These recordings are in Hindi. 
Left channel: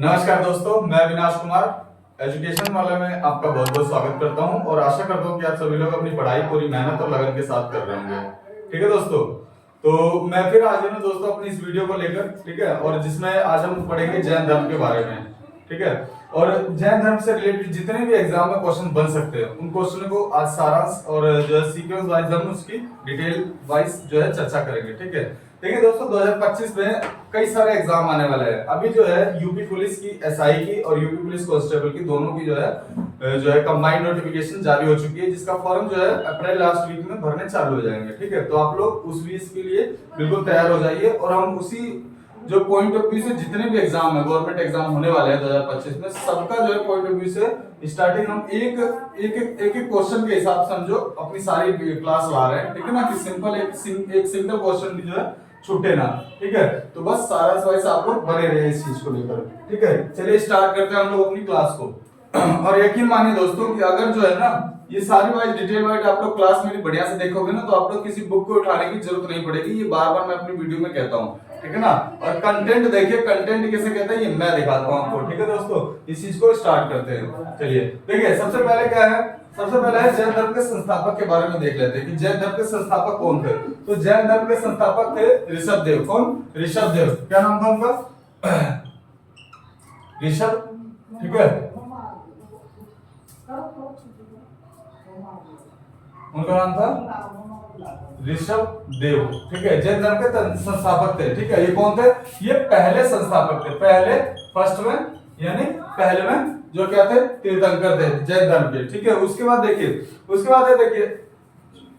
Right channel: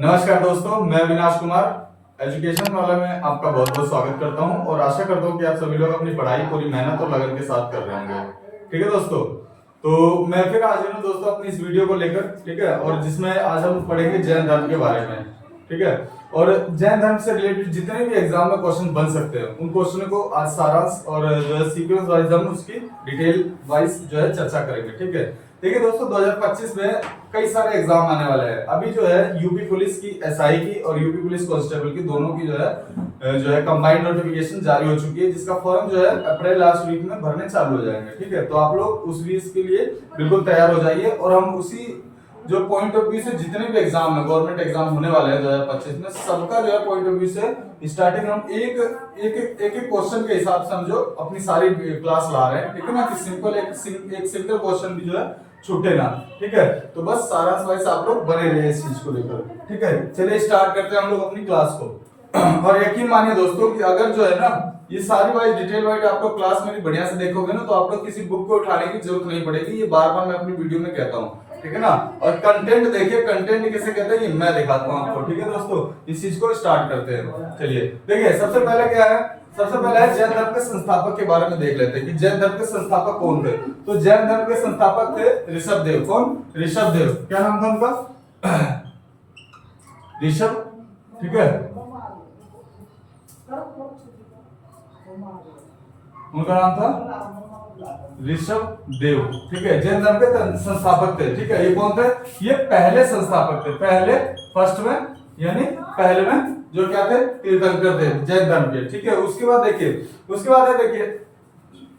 नमस्कार दोस्तों, मैं अविनाश कुमार एजुकेशन वाले में आपका बहुत बहुत स्वागत करता हूं और आशा करता हूं कि आप सभी लोग अपनी पढ़ाई पूरी मेहनत और लगन के साथ कर रहे होंगे। ठीक है दोस्तों, तो मैं फिर आज हूं दोस्तों अपनी इस वीडियो को लेकर। ठीक है, और जिसमें आज हम पढ़ेंगे जैन धर्म के बारे में। ठीक है, और जैन धर्म से रिलेटेड जितने भी एग्जाम में क्वेश्चन बन सकते हैं उन क्वेश्चन को आज सारांश और जो है सीक्वेंस वाइज हम उसकी डिटेल वाइज जो है चर्चा करेंगे। ठीक है, देखिए दोस्तों 2025 में कई सारे एग्जाम आने वाले हैं। अभी जो है यूपी पुलिस की, एसआई की और यूपी पुलिस कांस्टेबल की दोनों की जो है कंबाइंड नोटिफिकेशन जारी हो चुकी है, जिसका फॉर्म जो है अप्रैल लास्ट वीक में भरने चालू हो जाएंगे। ठीक है, तो आप लोग उस वीक के लिए बिल्कुल तैयार हो जाइए और हम उसी जो पॉइंट ऑफ व्यू से जितने भी एग्जाम है, गवर्नमेंट एग्जाम होने वाले हैं 2025 में, सबका जो है पॉइंट ऑफ व्यू से स्टार्टिंग हम एक क्वेश्चन के हिसाब से हम जो अपनी सारी क्लास ला रहे हैं। ठीक है ना, कि सिंपल एक सिंगल क्वेश्चन भी जो है छूटे ना। ठीक है, तो बस सारांश वाइज आप लोग बने रहे इस चीज को लेकर। ठीक है, चलिए स्टार्ट करते हैं हम लोग अपनी क्लास को। और यकीन मानिए दोस्तों कि अगर जो है ना ये सारी वाइज डिटेल वाइज आप लोग क्लास मेरी बढ़िया से देखोगे ना, तो आप लोग किसी बुक को उठाने की जरूरत नहीं पड़ेगी। ये बार बार मैं अपनी वीडियो में कहता हूँ। ठीक है ना, और कंटेंट देखिए, कंटेंट किसे कहते हैं ये मैं दिखाता हूँ आपको। ठीक है दोस्तों, इस चीज को स्टार्ट करते हैं। चलिए देखिए, सबसे पहले क्या है, सबसे पहले है जैन धर्म के संस्थापक के बारे में देख लेते हैं कि जैन धर्म के संस्थापक कौन थे। तो जैन धर्म के संस्थापक थे ऋषभ देव। कौन? ऋषभ देव। क्या नाम था उनका? ऋषभ। ठीक है, उनका नाम था ऋषभ देव। ठीक है, जैन धर्म के संस्थापक थे। ठीक है, ये कौन थे? ये पहले संस्थापक थे, पहले फर्स्ट में, यानी पहले में जो क्या थे, तीर्थंकर थे जैन धर्म के। ठीक है, उसके बाद देखिए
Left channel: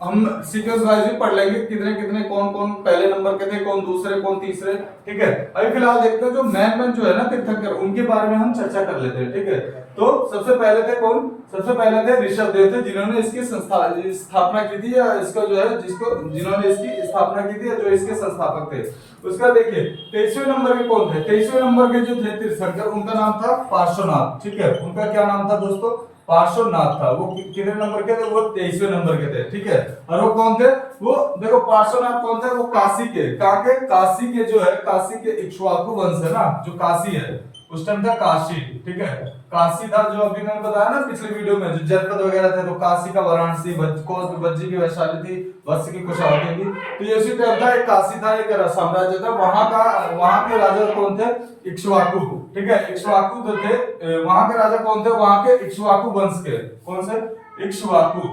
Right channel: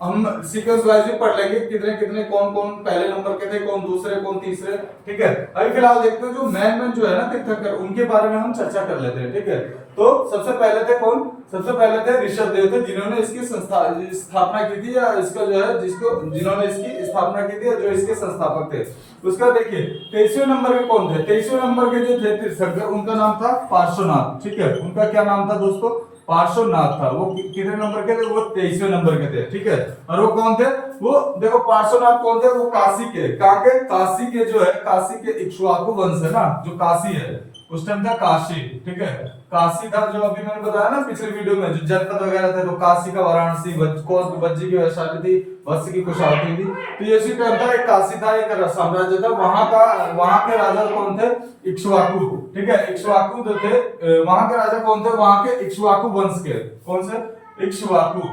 हम सीक्वेंस वाइज भी पढ़ लेंगे कितने कितने कौन कौन पहले नंबर के थे, कौन दूसरे, कौन तीसरे। ठीक है, अभी फिलहाल देखते हैं जो मैन जो है ना तीर्थंकर, उनके बारे में हम चर्चा कर लेते हैं। ठीक है, तो सबसे पहले थे कौन? सबसे पहले थे ऋषभ देव थे, जिन्होंने इसकी स्थापना की थी, या इसका जो है जिन्होंने इसकी स्थापना की थी, जो इसके संस्थापक थे। उसके बाद देखिए 23वें नंबर के कौन थे? 23वें नंबर के जो थे तीर्थंकर, उनका नाम था पार्श्वनाथ। ठीक है, उनका क्या नाम था दोस्तों? पार्श्वनाथ था। वो कितने नंबर के थे? वो 23वें नंबर के थे। ठीक है, और वो कौन थे? वो देखो पार्श्वनाथ कौन थे? वो काशी के, कहां के? काशी के जो है, काशी के इक्ष्वाकु वंश है ना, जो काशी है उस टाइम था काशी। ठीक है, काशी था जो अभी मैंने बताया ना पिछले वीडियो में, जो जनपद वगैरह थे, तो काशी का वाराणसी, वज्जी की वैशाली थी, वत्स की कुशावती थी। तो ये उसी टाइम था, एक काशी था, एक साम्राज्य था। वहां के राजा कौन थे? इक्ष्वाकु। ठीक है, इक्ष्वाकु जो थे, वहां के राजा कौन थे? वहां के इक्ष्वाकु वंश के। कौन से? इक्ष्वाकु।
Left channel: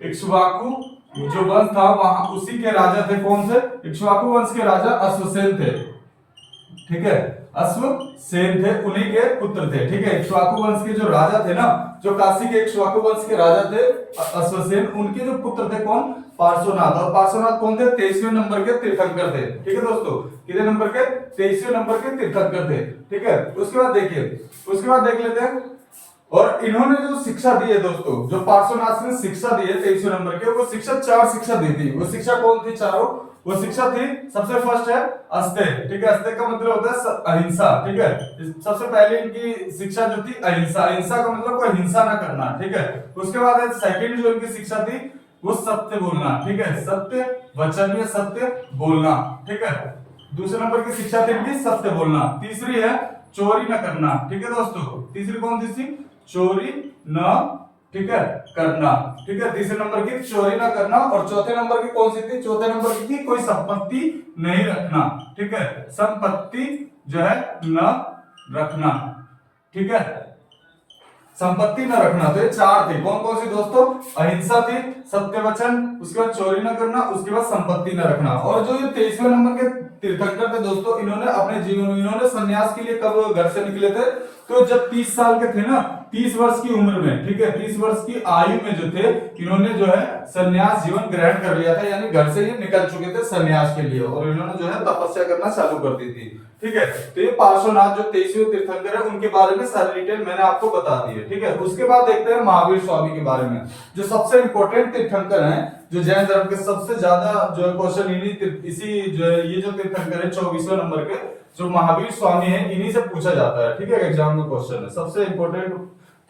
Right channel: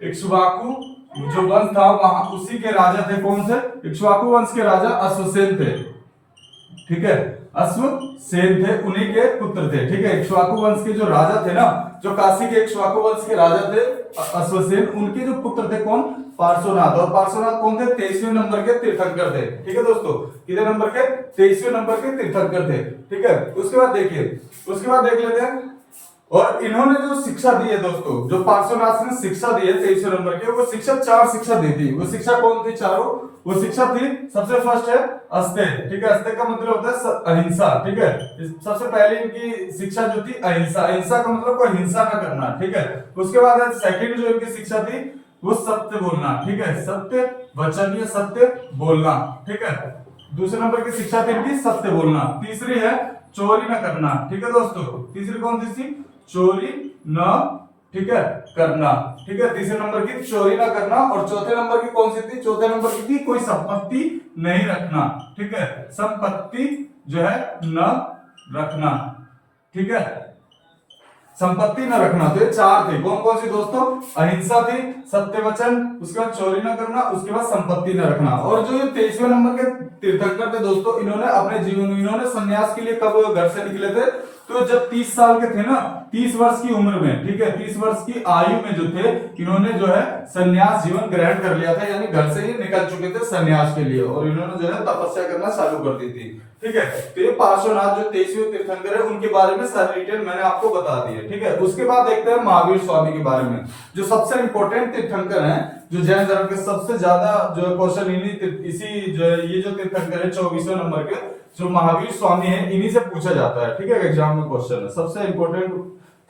इक्ष्वाकु जो वंश था वहां, उसी के राजा थे। कौन से? इक्ष्वाकु वंश के राजा अश्वसेन थे। ठीक है, अश्वसेन थे, उन्हीं के पुत्र थे। ठीक है, इक्ष्वाकु वंश के जो राजा थे ना, जो काशी के इक्ष्वाकु वंश के राजा थे अश्वसेन, उनके जो पुत्र थे कौन? पार्श्वनाथ। और पार्श्वनाथ कौन थे? 23वें नंबर के तीर्थंकर थे। ठीक है दोस्तों, कितने नंबर के? 23वें नंबर के तीर्थंकर थे। ठीक है, उसके बाद देख लेते हैं। और इन्होंने जो शिक्षा दी है दोस्तों, जो पार्श्वनाथ ने शिक्षा दी है 23वें नंबर के, वो शिक्षा 4 शिक्षा दी थी। वो शिक्षा कौन थी? चारों। वो शिक्षा थी, सबसे फर्स्ट है अस्तेय। ठीक है, अस्तेय का मतलब होता है अहिंसा। ठीक है, सबसे पहले इनकी शिक्षा जो थी अहिंसा। अहिंसा का मतलब कोई हिंसा न करना। ठीक है, उसके बाद सेकंड जो इनकी शिक्षा थी वो सत्य बोलना। ठीक है, सत्य वचन या सत्य बोलना। ठीक है, दूसरे नंबर की शिक्षा थी इनकी सत्य बोलना। तीसरी है चोरी न करना। ठीक है दोस्तों, तीसरी कौन थी? चोरी न, ठीक है, करना। ठीक है, तीसरे नंबर की चोरी ना करना। और चौथे नंबर की कौन सी थी? चौथे नंबर की थी कोई संपत्ति नहीं रखना। ठीक है, संपत्ति जो है न रखना। ठीक है, संपत्ति न रखना। तो ये 4 थी। कौन कौन सी दोस्तों? अहिंसा थी, सत्य वचन, उसके बाद चोरी न करना, उसके बाद संपत्ति न रखना। और जो ये 23वें नंबर के तीर्थंकर थे दोस्तों, इन्होंने अपने जीवन में, इन्होंने सन्यास के लिए कब घर से निकले थे? तो जब 30 साल के थे ना, 30 वर्ष की उम्र में। ठीक है, 30 वर्ष की आयु में जो थे, इन्होंने जो है सन्यास जीवन ग्रहण कर लिया था, यानी घर से ही निकल चुके थे सन्यास के लिए, और इन्होंने जो है तपस्या करना चालू कर दी थी। ठीक है, तो ये पार्श्वनाथ जो 23वें तीर्थंकर है, उनके बारे में सारी डिटेल मैंने आपको बता दी है। ठीक है, उसके बाद देखते हैं महावीर स्वामी के बारे में, जो सबसे इंपॉर्टेंट तीर्थंकर हैं, जो जैन धर्म के सबसे ज्यादा जो है क्वेश्चन इसी जो है, ये जो तीर्थंकर है 24वें नंबर के, जो महावीर स्वामी है, इन्हीं से पूछा जाता है। ठीक है, एग्जाम में क्वेश्चन है, सबसे इंपॉर्टेंट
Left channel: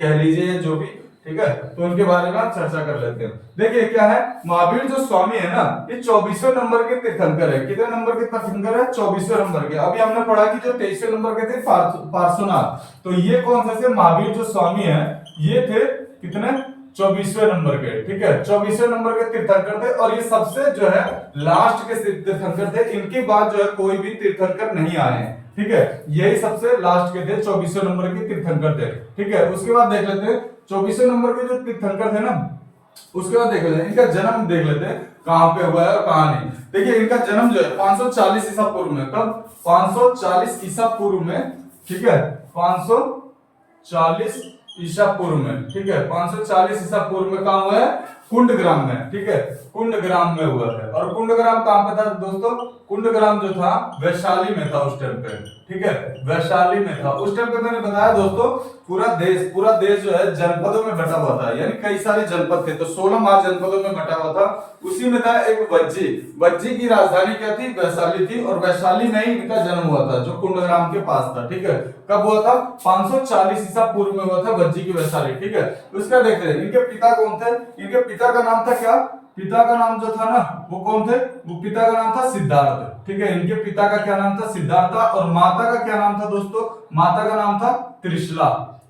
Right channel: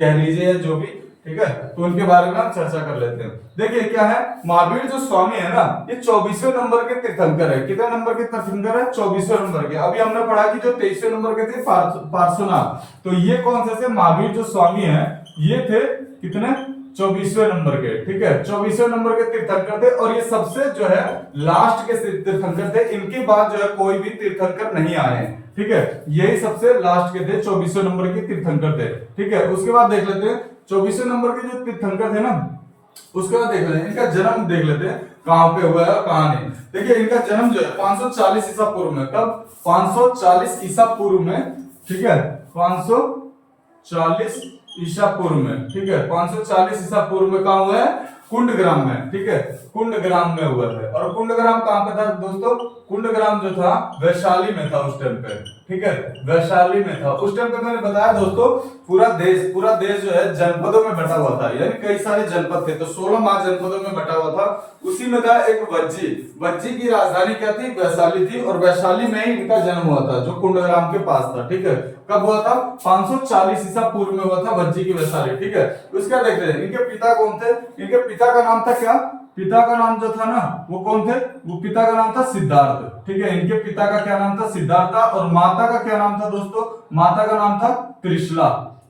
कह लीजिए जो भी ठीक है, तो उनके बारे में हम चर्चा कर लेते हैं। देखिए क्या है, महावीर जो स्वामी है ना, ये 24वें नंबर के तीर्थंकर है। कितने नंबर के तीर्थंकर है? 24वें नंबर के। अभी हमने पढ़ा कि जो 23वें नंबर के थे पार्श्वनाथ, तो ये कौन से थे? महावीर जो स्वामी है ये थे कितने? 24वें नंबर के। ठीक है, 24वें नंबर के तीर्थंकर थे, और ये सबसे जो है लास्ट के तीर्थंकर थे। इनके बाद जो है कोई भी तीर्थंकर नहीं आए हैं। ठीक है, यही सबसे लास्ट के थे, 24वें नंबर के तीर्थंकर थे। ठीक है, उसके बाद देख लेते हैं 24वें नंबर के जो तीर्थंकर थे ना, उसके बाद देख लेते हैं इनका जन्म, देख लेते हैं कहां पे हुआ है और कहां नहीं। देखिए इनका जन्म जो है 540 ईसा पूर्व में। कब? 540 ईसा पूर्व में। ठीक है, 540 ईसा पूर्व में। ठीक है, 540 ईसा पूर्व में कहां हुआ है? कुंडग्राम में। ठीक है, कुंडग्राम में हुआ है। और कुंडग्राम कहां पे था दोस्तों? कुंडग्राम जो था वैशाली में था उस टाइम पे। ठीक है, वैशाली में था उस टाइम पे। मैंने बताया दोस्तों पूरा देश जो है जनपदों में बटा हुआ था, यानी कई सारे जनपद थे, तो 16 महाजनपदों में बटा हुआ था। उसी में था एक वज्जी की राजधानी क्या थी? वैशाली थी, और वैशाली में ही इनका जन्म हुआ था, जो कुंडग्राम के पास था। ठीक है, कब हुआ था? 540 ईसा पूर्व में हुआ था, वज्जी की वैशाली। ठीक है, उसका देखते हैं इनके पिता कौन थे। इनके पिता का नाम था क्या? पिता का नाम जो था ना वो कौन थे? वो पिता का नाम था सिद्धार्थ। ठीक है, इनके पिता का क्या नाम था? सिद्धार्थ था। और माता का क्या नाम था दोस्तों? माता का नाम था त्रिशला।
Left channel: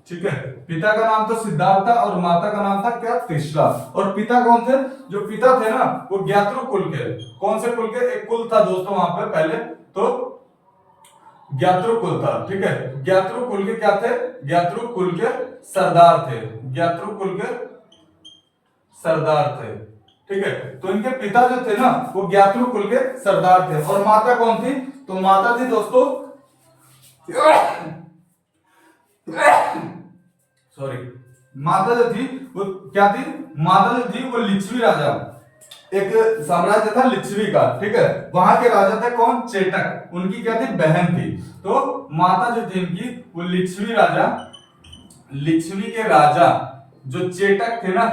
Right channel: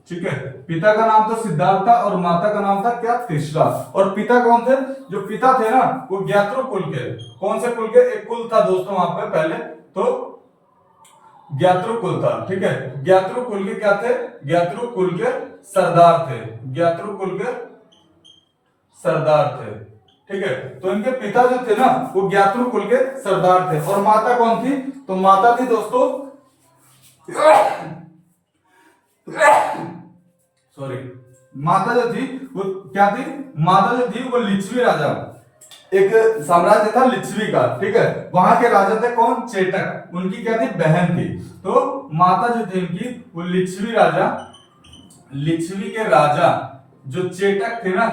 ठीक है, पिता का नाम तो सिद्धार्थ था और माता का नाम था क्या? त्रिशला। और पिता कौन थे? जो पिता थे ना वो ज्ञात्रु कुल के। कौन से कुल के? एक कुल था दोस्तों वहां पे पहले, तो ज्ञात्रु कुल था। ठीक है, ज्ञात्रु कुल के क्या थे? ज्ञात्रु कुल के सरदार थे। ज्ञात्रु कुल के सरदार थे। ठीक है, तो इनके पिता जो थे ना वो ज्ञात्रु कुल के सरदार थे। और माता कौन थी? तो माता थी दोस्तों सॉरी, माता जो थी वो क्या थी? माता जो थी वो लिच्छवी राजा, एक साम्राज्य था लिच्छवी का। ठीक है, वहां के राजा थे कौन? चेटक। उनकी क्या थी? बहन थी। तो माता जो थी इनकी वो लिच्छवी राजा, लिच्छवी के राजा जो चेटक थे ना,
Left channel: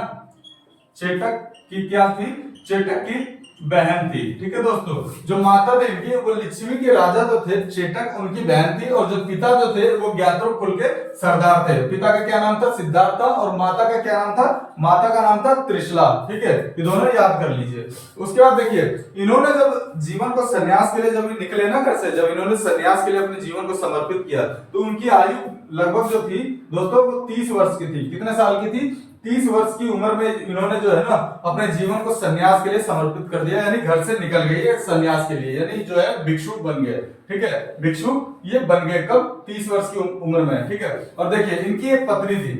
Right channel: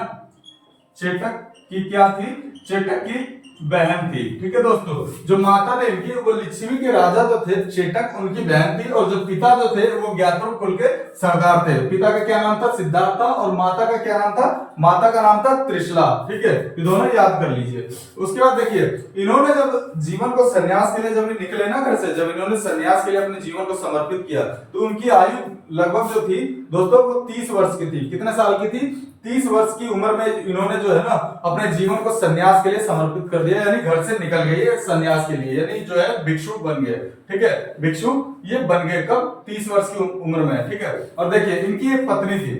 चेटक की क्या थी? चेटक की बहन थी। ठीक है दोस्तों, जो माता थे इनकी वो लिच्छवी के राजा जो थे चेटक, उनकी बहन थी। और जो पिता जो थे वो ज्ञात्रु कुल के सरदार थे। पिता का क्या नाम था? सिद्धार्थ था। और माता का क्या नाम था? माता का नाम था त्रिशला। ठीक है, ये दोनों याद कर लीजिए। उसके बाद देखिए इन्होंने जब जीवन को सन्यास के लिए जब निकले ना घर से, जब इन्होंने सन्यास के लिए अपने जीवन को समर्पित किया, तो उनकी आयु लगभग जो थी दोस्तों वो 30 वर्ष की थी। कितने साल की थी? 30 वर्ष की उम्र में इन्होंने जो है ना अपने जीवन को सन्यास के लिए समर्पित कर दिया, यानी घर से निकल गए सन्यास के लिए, यानी जो है भिक्षु बन गए। ठीक है, भिक्षु ये बन गए कब? 30 वर्ष की उम्र में। ठीक है, और देखिए इनकी एक पत्नी थी,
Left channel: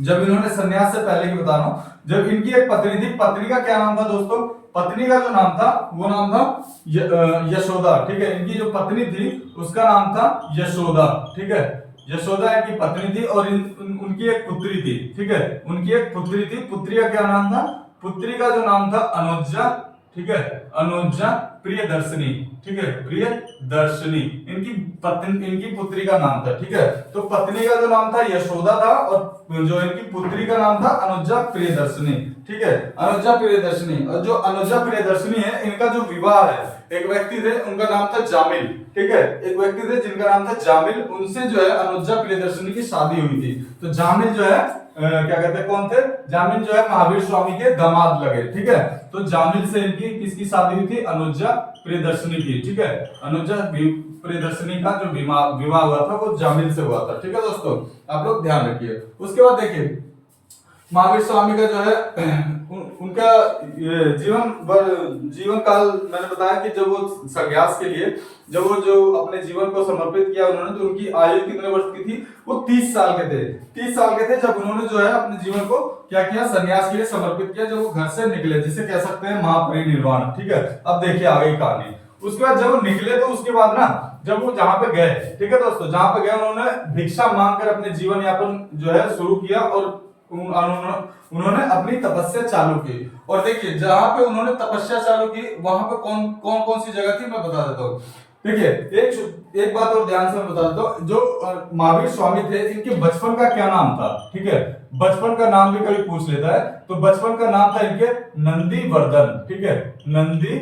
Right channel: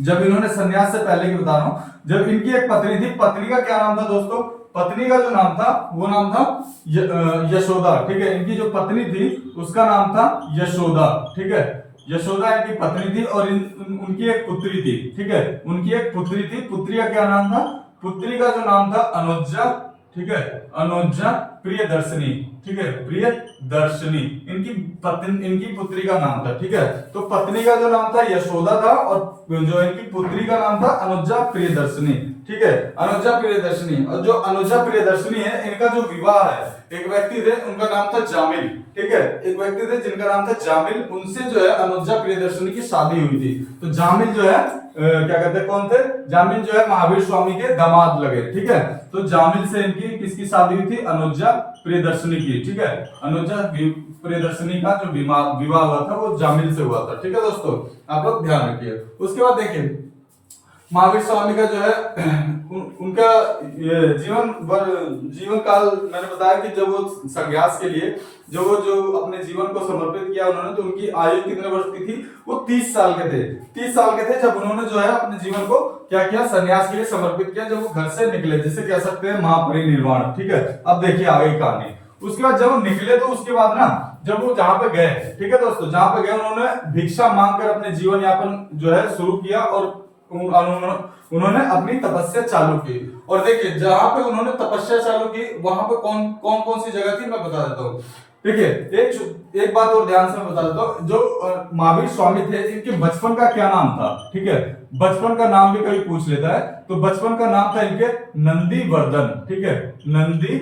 जब इन्होंने सन्यास से पहले की बता रहा हूं, जब इनकी एक पत्नी थी, पत्नी का क्या नाम था दोस्तों? पत्नी का जो नाम था वो नाम था यशोदा। ठीक है, इनकी जो पत्नी थी उसका नाम था यशोदा। ठीक है, यशोदा इनकी पत्नी थी। और उनकी एक पुत्री थी। ठीक है, उनकी एक पुत्री थी। पुत्री का क्या नाम था? पुत्री का जो नाम था अनुजा। ठीक है, अनुजा प्रियदर्शनी। ठीक है, प्रियदर्शनी इनकी पुत्री का नाम था। ठीक है, तो पत्नी का जो नाम था यशोदा था, और जो इनकी पुत्री का नाम था अनुजा प्रियदर्शनी। ठीक है, अनुजा प्रियदर्शनी। और जो अनुजा प्रियदर्शनी है इनका जो विवाह है, एक व्यक्ति थे उनका नाम था जामिल। ठीक है, एक व्यक्ति थे जिनका नाम था जामिल, उनसे जो है अनुजा प्रियदर्शनी की शादी हुई थी। तो जामिल जो है क्या कहते हैं, कौन थे? जामिल जो है महावीर स्वामी के दामाद लगे। ठीक है, तो जामिल से इनकी किसकी शादी हुई थी? अनुजा प्रियदर्शनी की। ठीक है, अनुजा प्रियदर्शनी का जो विवाह हुआ था वो जामिल से हुआ था। ठीक है दोस्तों, आप लोग ध्यान रखिए। उसके बाद देखिए महावीर स्वामी का जो है उनका जीवन काल मैंने बताया कि जब वो संन्यास के लिए जब वो जो अपने जीवन को समर्पित किया उन्होंने, तो उनकी आयु कितने वर्ष की थी? वो 30 साल के थे। 30 साल के थे जब उन्होंने जो है अपने जीवन को क्या किया? संन्यास के लिए समर्पित किया, जब वो घर से निकले, जिसे कह सकते हैं महापरिनिर्वाण। ठीक है, अब देखिए आगे की कहानी। उसके बाद जब वो निकले तो उसके बाद ना जब वो जहां पे गए, ठीक है दोस्तों, जहां पे गए उन्होंने भिक्षा मांगकर अपने जीवन यापन जो है शुरू किया, और उन्होंने अपनी तपस्या चालू की। और देखिए जहां पे उन्होंने तपस्या चालू की वहां पे कौन सी जगह थी मैं बता देता हूँ। देखिए एक बात और ध्यान से मैं बता देता हूँ, जो महावीर स्वामी थे इनके बचपन का क्या नाम था? ठीक है, बचपन का नाम भी कभी पूछ लेता है, तो बचपन का नाम था इनके नंदी वर्धन। ठीक है, नंदी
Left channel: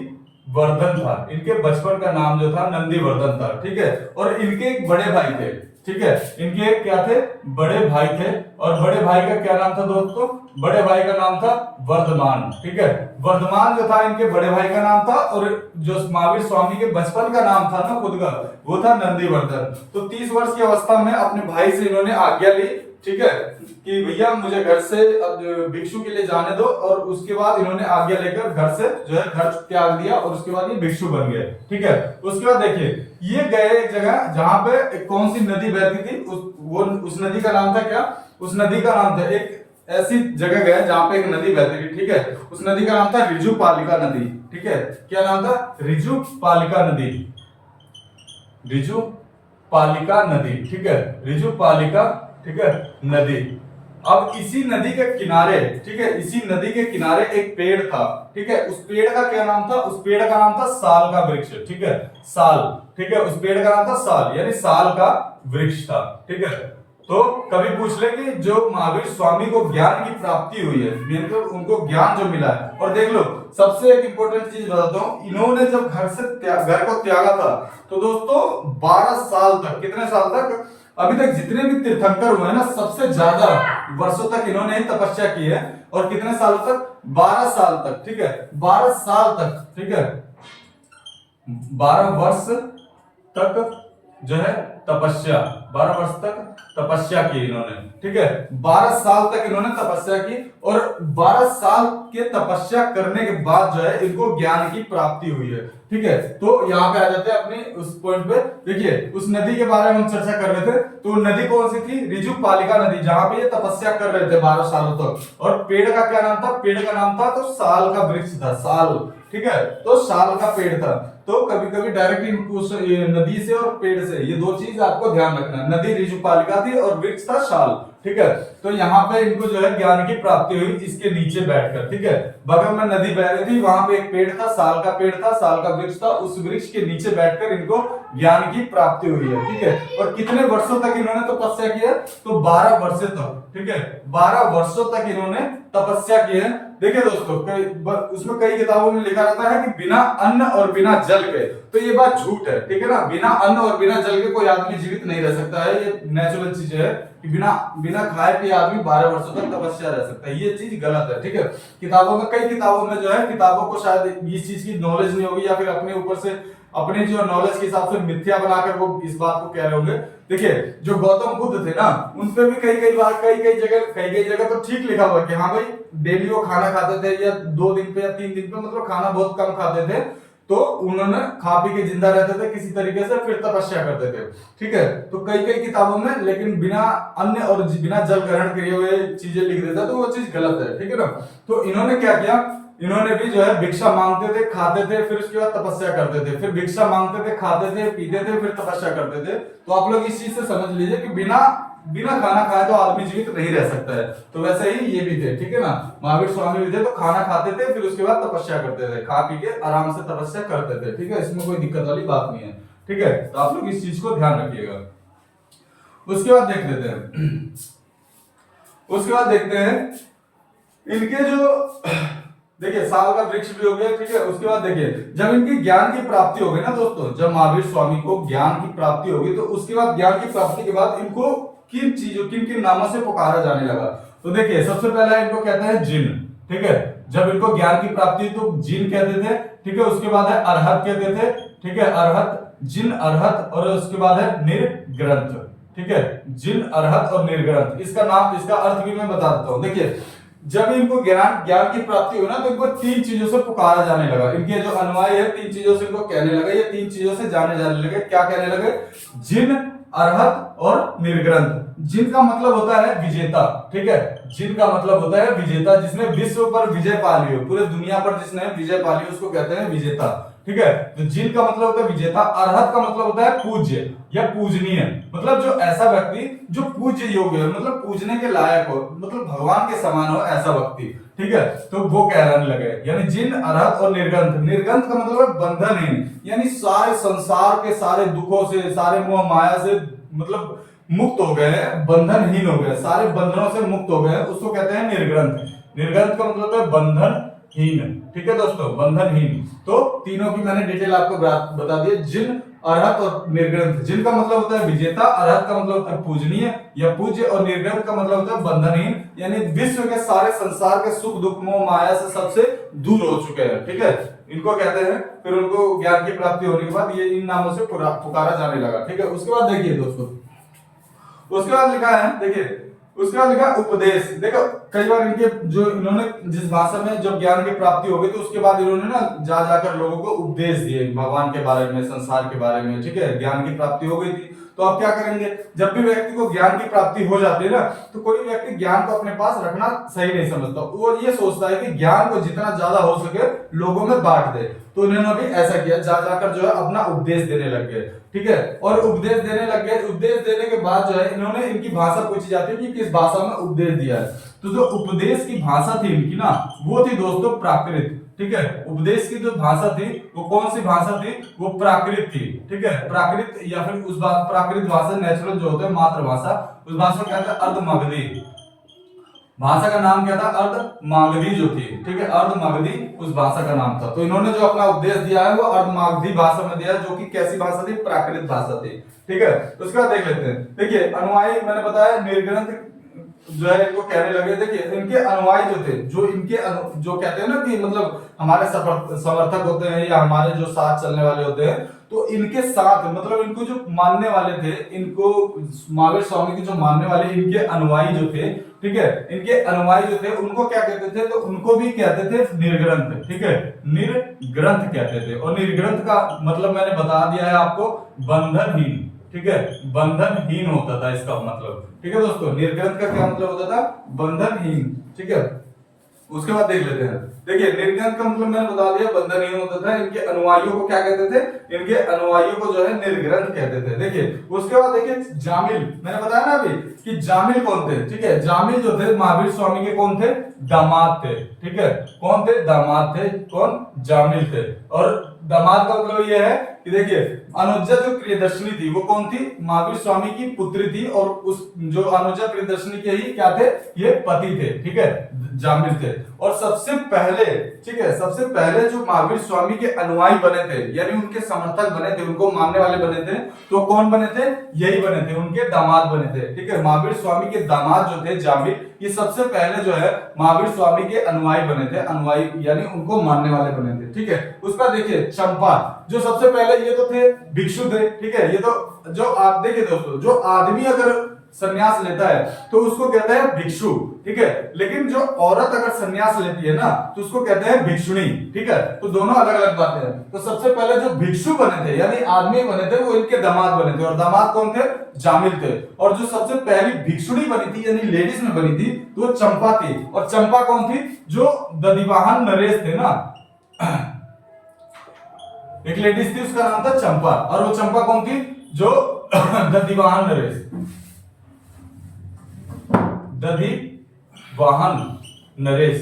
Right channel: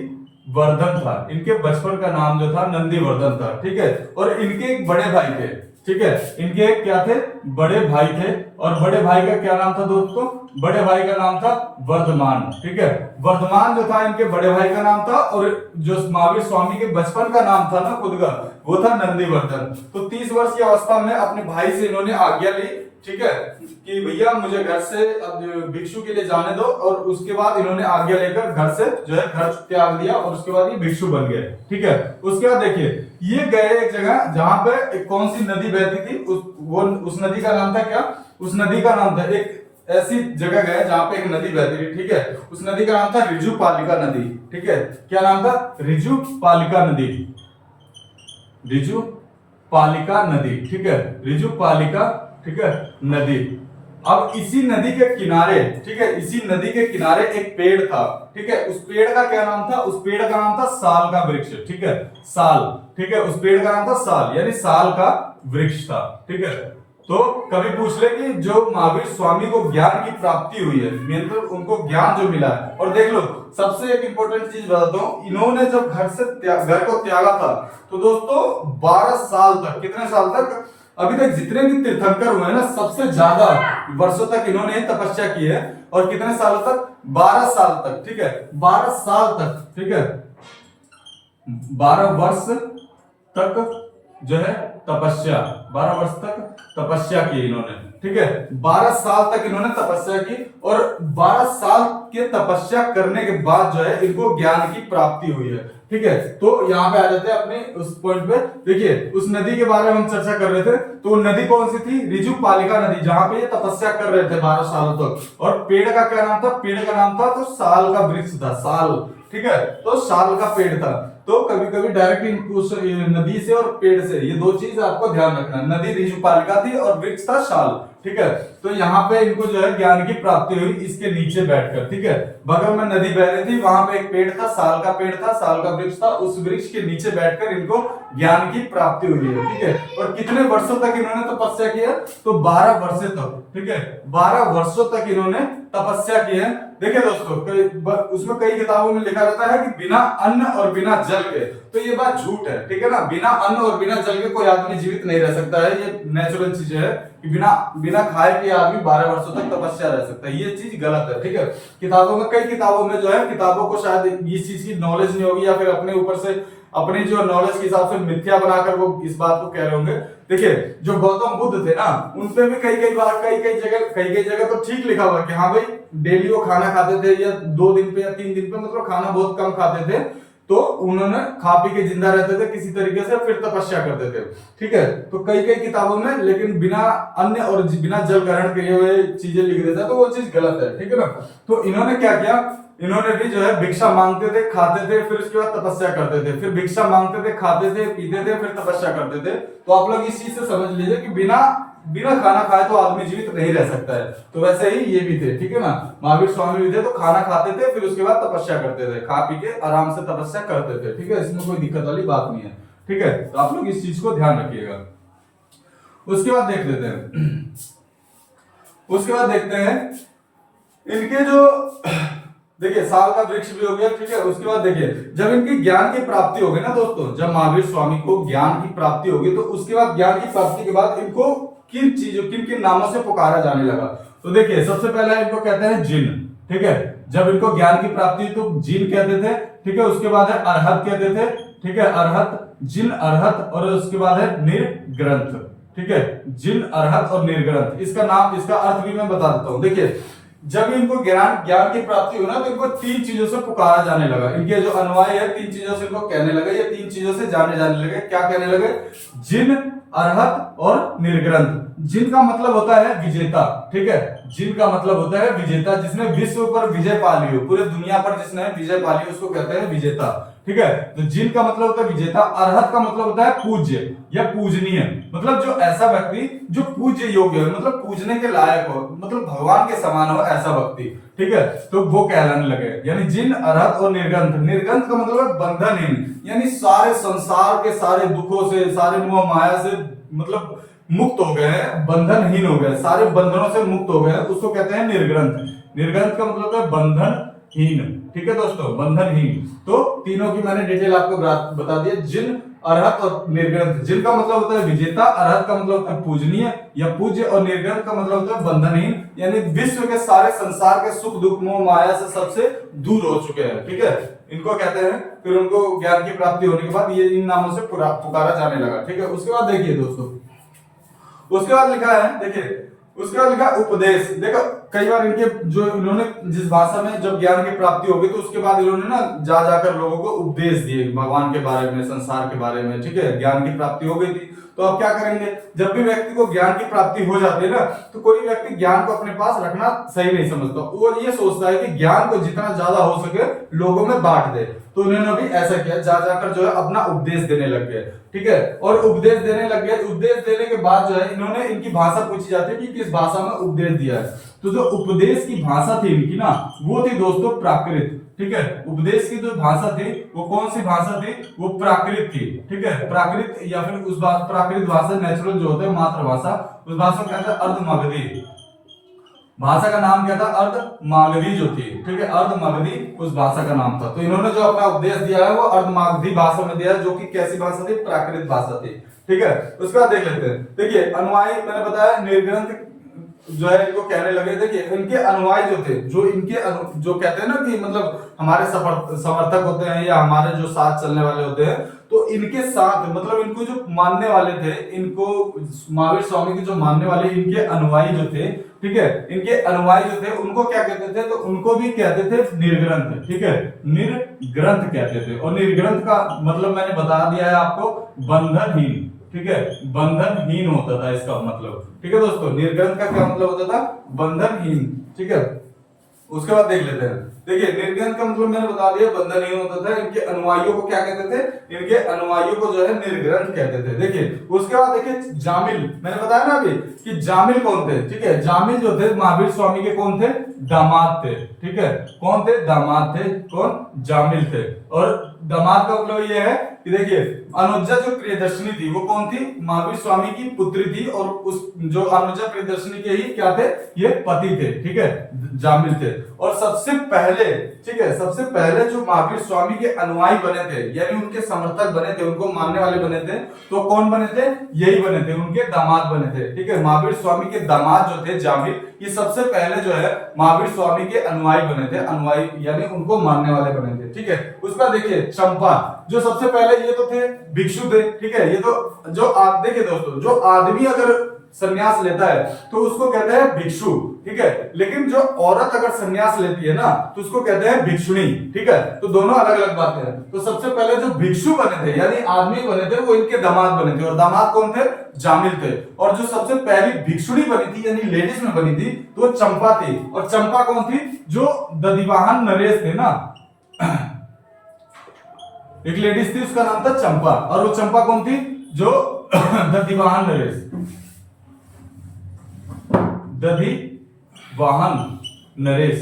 वर्धन था। इनके बचपन का नाम जो था नंदीवर्धन था, ठीक है। और इनके एक बड़े भाई थे, ठीक है। इनके एक क्या थे, बड़े भाई थे, और बड़े भाई का क्या नाम था दोस्तों, बड़े भाई का नाम था वर्धमान, ठीक है। वर्धमान जो था इनके बड़े भाई का नाम था, और जो महावीर स्वामी के बचपन का नाम था ना खुद का, वो था नंदीवर्धन। तो 30 वर्ष की अवस्था में अपने भाई से इन्होंने आज्ञा ली, ठीक है, कि भैया मुझे घर से अब भिक्षु के लिए जाने दो। और उसके बाद इन्होंने आज्ञा लेकर घर से जो है घर त्याग दिया, और उसके बाद ये भिक्षु बन गए, ठीक है। उसके बाद देखिए ये गए एक जगह जहां पे एक कौन सी नदी बहती थी, उस नदी का नाम था क्या, उस नदी का नाम था, एक ऐसी जगह गए जहां पे एक नदी बहती थी, ठीक है। उस नदी का नाम था ऋजुपालिका नदी, ठीक है। क्या नाम था, ऋजुपालिका नदी, ऋजुपालिका नदी, ठीक है, ऋजुपालिका, ठीक है, नदी। अब इसी नदी के किनारे, ठीक है, इसी नदी के किनारे एक पेड़ था, ठीक है। उस पेड़ का क्या नाम था, उस पेड़ का नाम था साल का वृक्ष, ठीक है, साल, ठीक है। उस पेड़ का नाम था साल, यानी साल का वृक्ष था, ठीक है। तो कभी पूछ ले कि जो महावीर स्वामी को ज्ञान की प्राप्ति हुई है, मतलब उनको ज्ञान जो मिला है। और देख लो सबसे एक इंपॉर्टेंट चीज बताता हूं, इन्होंने जब घर को त्यागा था तो दोस्तों 12 साल तक, कितने साल तक, अभी तक जितने भी तीर्थंकर हुए हैं ना, सबसे ज्यादा वर्षों तक इन्होंने तपस्या की है। और कितने सालों तक, 12 साल तक, ठीक है, 12 साल तक, ठीक है, 12 वर्ष तक जो है तपस्या, 12 वर्ष तक तपस्या की इन्होंने, ठीक है। 12 साल तक इन्होंने तपस्या की, और 12 साल के तपस्या करने के बाद जो है इनको ज्ञान की प्राप्ति हुई है, ठीक है। तो यहाँ पे आ जाते हैं अपने उस पॉइंट पे। देखिए उस नदी के बारे में हम चर्चा कर रहे थे, तो नदी कौन सी थी, ऋजुपालिका नदी, जहां पे ये तपस्या कर रहे थे 12 सालों तक। और पेड़ का क्या नाम था, पेड़ का नाम था तो साल का वृक्ष था, साल, ठीक है, तो साल का पेड़ था। तो कभी कभी डायरेक्ट नदी से और पेड़ से, ये दो चीज आपको ध्यान रखना, नदी ऋजुपालिका थी और वृक्ष था साल, ठीक है। तो यहाँ पे इनको जो है ज्ञान की प्राप्ति हुई इसके नीचे बैठकर, ठीक है। बगल में नदी बह रही थी, वहां पे एक पेड़ था, साल का पेड़ था, साल का वृक्ष था, उस वृक्ष के नीचे बैठकर इनको ज्ञान की प्राप्ति हुई है, ठीक है। और कितने वर्षों तक इन्होंने तपस्या की है, तो 12 वर्षों तक, ठीक है, 12 वर्षों तक इन्होंने तपस्या की है। देखिए दोस्तों उसमें कई किताबों में लिखा रहता है कि बिना अन्न और बिना जल के, तो ये बात झूठ है, ठीक है ना। बिना अन्न और बिना जल के कोई आदमी जीवित नहीं रह सकता है, ये नेचुरल चीज है कि बिना खाए के आदमी 12 वर्षों तक तपस्या रह सकता है, ये चीज गलत है, ठीक है। किताबों में, कई किताबों में जो है, किताबों को शायद इस चीज की नॉलेज नहीं होगी, या फिर अपने ऊपर से अपनी जो नॉलेज के हिसाब से मिथ्या बनाकर वो इस बात को कह रहे होंगे। देखिए जो गौतम बुद्ध थे ना, उनपे भी कई बार कई जगह तो ठीक लिखा हुआ कि हाँ भाई डेली वो खाना खाते थे, या 2 दिन पे या 3 दिन पे, मतलब खाना बहुत कम खाते थे। तो उन्होंने खा पी के जिंदा रहते थे किसी तरीके से, फिर तपस्या करते थे, ठीक है। तो कई किताबों में लेकिन बिना अन्न और बिना जल ग्रहण किए हुए चीजें लिख देता, तो वो चीज गलत है, ठीक है ना। तो इन्होंने क्या किया, इन्होंने भी जो है भिक्षा मांगते थे, खाते थे, फिर उसके बाद तपस्या करते थे, फिर भिक्षा मांगते थे, खाते थे, पीते थे, फिर तपस्या करते थे। तो आप लोग इस चीज से समझ लीजिए कि बिना खाना खाए तो आदमी जीवित नहीं रह सकता है। तो वैसे ही ये भी थे, ठीक है ना। महावीर स्वामी भी थे, तो खाना खाते थे, फिर उसके बाद तपस्या करते थे, खा पी के आराम से तपस्या करते थे, ठीक है। इसमें कोई दिक्कत वाली बात नहीं है, ठीक है। तो आप लोग इस चीज को ध्यान रखिएगा। उसके बाद देख लेते हैं, उसके बाद देखते हैं इनके जो, देखिए साल का वृक्ष भी हो गया, ठीक है। उसके बाद देखिए जब इनकी ज्ञान की प्राप्ति हो गई ना दोस्तों, जब महावीर स्वामी को ज्ञान की प्राप्ति होगी, तो उसके बाद ज्ञान की प्राप्ति के बाद इनको किन नामों से पुकारा जाने लगा। तो देखिए सबसे पहला इनको कहते हैं जिन, ठीक है। जब इनको ज्ञान की प्राप्ति हुई तो जिन कहते थे, ठीक है। उसके बाद है अरहत कहते थे, ठीक है, अरहत, जिन, अरहत, और उसके बाद है निर्ग्रंथ, ठीक है। जिन, अरहत और निर्ग्रंथ, इसका नाम, इसका अर्थ भी मैं बता देता हूं। देखिए जब इनको ज्ञान की प्राप्ति हुई ना, तो इनको 3 चीजों से पुकारा जाने लगा। इनके जो अनुयायी है 3 चीजों से इनको कहने लगे, ये 3 चीजों से जाने लगे। क्या कहने लगे, जिन, अरहत और निर्ग्रंथ। जिन का मतलब होता है विजेता, ठीक है। जिन का मतलब होता है विजेता, जिसने विश्व पर विजय पा ली हो, पूरे दुनिया पर जिसने विजय पा ली उसको कहते हैं विजेता, ठीक है। तो जिन का मतलब होता है विजेता। अरहत का मतलब होता है पूज्य या पूजनीय, मतलब जो ऐसा व्यक्ति जो पूज्य योग्य है, मतलब पूजने के लायक हो, मतलब भगवान के समान हो, ऐसा व्यक्ति, ठीक है। तो वो कहलाने लगे, यानी जिन, अरहत और निर्ग्रंथ। निर्ग्रंथ का मतलब है बंधनहीन, यानी सारे संसार के सारे दुखों से, सारे मोह माया से मतलब मुक्त हो गए हैं, बंधनहीन हो गए, सारे बंधनों से मुक्त हो गए, उसको कहते हैं निर्ग्रंथ। निर्ग्रंथ का मतलब है बंधनहीन, ठीक है दोस्तों, बंधनहीन। तो तीनों की मैंने डिटेल आपको बता दी है। जिन, अरहत और निर्ग्रंथ। जिन का मतलब होता है विजेता, अरहत का मतलब होता है पूजनीय या पूज्य, और निर्ग्रंथ का मतलब होता है बंधनहीन, यानी विश्व के सारे संसार के सुख दुख मोह माया से सबसे दूर हो चुके हैं। ठीक है, इनको कहते हैं। फिर उनको ज्ञान की प्राप्ति होने के बाद ये इन नामों से पुकारा जाने लगा। ठीक है, उसके बाद देखिए दोस्तों, उसके बाद लिखा है, देखिए उसके बाद लिखा उपदेश। देखो कई बार इनके जो इन्होंने जिस भाषा में जब ज्ञान की प्राप्ति हो गई तो उसके बाद इन्होंने ना जा जाकर लोगों को उपदेश दिए भगवान के बारे में, संसार के बारे में। ठीक है, ज्ञान की प्राप्ति हो गई थी तो अब क्या करेंगे, जब भी व्यक्ति को ज्ञान की प्राप्ति हो जाती है ना, तो कोई व्यक्ति ज्ञान को अपने पास रखना सही नहीं समझता। वो ये सोचता है कि ज्ञान को जितना ज्यादा हो सके लोगों में बांट दे। तो इन्होंने भी ऐसा किया, जा जाकर जो है अपना उपदेश देने लग गए। ठीक है, और उपदेश देने लग गए। उपदेश देने के बाद जो है इन्होंने, इनकी भाषा पूछी जाती है कि किस भाषा में उपदेश दिया है। तो जो उपदेश की भाषा थी इनकी ना, वो थी दोस्तों प्राकृत। ठीक है, उपदेश की जो भाषा थी वो कौन सी भाषा थी, वो प्राकृत थी। ठीक है, प्राकृत या फिर उस प्राकृत भाषा, नेचुरल जो होता है मातृभाषा, उस भाषा को कहते हैं अर्धमागधी। भाषा का नाम क्या था, अर्धमागधी जो थी। ठीक है, अर्धमागधी उस भाषा का नाम था। तो इन्होंने जो अपना उपदेश दिया है वो अर्धमागधी भाषा में दिया है, जो कि कैसी भाषा थी, प्राकृत भाषा थी। ठीक है, उसके बाद देख लेते हैं। देखिए अनुयायी, मैंने बताया निर्ग्रंथ जो है इनको कहने लगे। देखिए इनके अनुयायी जो थे, जो इनके जो कहते हैं ना कि मतलब हमारे समर्थक होते हैं या हमारे जो साथ चलने वाले होते हैं, तो इनके साथ मतलब इनको जो मानने वाले थे, इनको महावीर स्वामी के जो मानने वाले इनके अनुयायी जो थे, ठीक है, इनके अनुयायी जो थे उनको क्या कहते थे, तो उनको भी कहते थे निर्ग्रंथ। ठीक है, निर्ग्रंथ कहते थे। और निर्ग्रंथ का मतलब मैंने बता दिया है आपको, बंधनहीन। ठीक है, बंधनहीन होता था इसका मतलब। ठीक है दोस्तों, निर्ग्रंथ का क्या मतलब होता था, बंधनहीन। ठीक है, उसके बाद देख लेते हैं। देखिए निर्ग्रंथ का मतलब मैंने बता दिया, बंधनहीन होता था। इनके अनुयायियों को क्या कहते थे, इनके अनुयायियों को जो है निर्ग्रंथ कहते थे। देखिए उसके बाद देखिए जामिल, मैंने बताया ना अभी कि जामिल कौन थे। ठीक है, जामिल जो थे महावीर स्वामी के कौन थे, दामाद थे। ठीक है, कौन थे, दामाद थे। कौन, जामिल थे। और दामाद का मतलब ये है कि देखिए अनुजा जो प्रियदर्शनी थी वो कौन थी, महावीर स्वामी की पुत्री थी, और उस जो अनुजा प्रियदर्शनी के ही क्या थे, ये पति थे। ठीक है, जामिल थे। और सबसे पहले, ठीक है, सबसे पहले जो महावीर स्वामी के अनुयायी बने थे, यानी उनके समर्थक बने थे, उनको मानने वाले बने थे, तो कौन बने थे, यही बने थे, उनके दामाद बने थे। ठीक है, महावीर स्वामी के दामाद जो थे जामिल, ये सबसे पहले जो है महावीर स्वामी के अनुयायी बने थे। अनुयायी यानी उनको मानने वाले बने थे। ठीक है, उसका देखिए चंपा, जो सबसे पहले, ये तो थे भिक्षु थे। ठीक है, ये तो जो आप देखिए दोस्तों, जो आदमी अगर सन्यास लेता है तो उसको कहते हैं भिक्षु। ठीक है, लेकिन जो औरत अगर सन्यास लेती है ना तो उसको कहते हैं भिक्षुणी। ठीक है, तो दोनों अलग अलग बातें हैं। तो सबसे पहले जो भिक्षु बने थे यानी आदमी बने थे वो इनके दामाद बने थे, और दामाद कौन थे, जामिल थे। और जो सबसे पहली भिक्षुणी बनी थी यानी लेडीज में बनी थी तो चंपा थी। और चंपा कौन थी, जो दधिवाहन नरेश थे ना, एक लेडीज थी उसका नाम था चंपा। और वो चंपा कौन थी, जो दधिवाहन नरेश, दधिवाहन नरेश,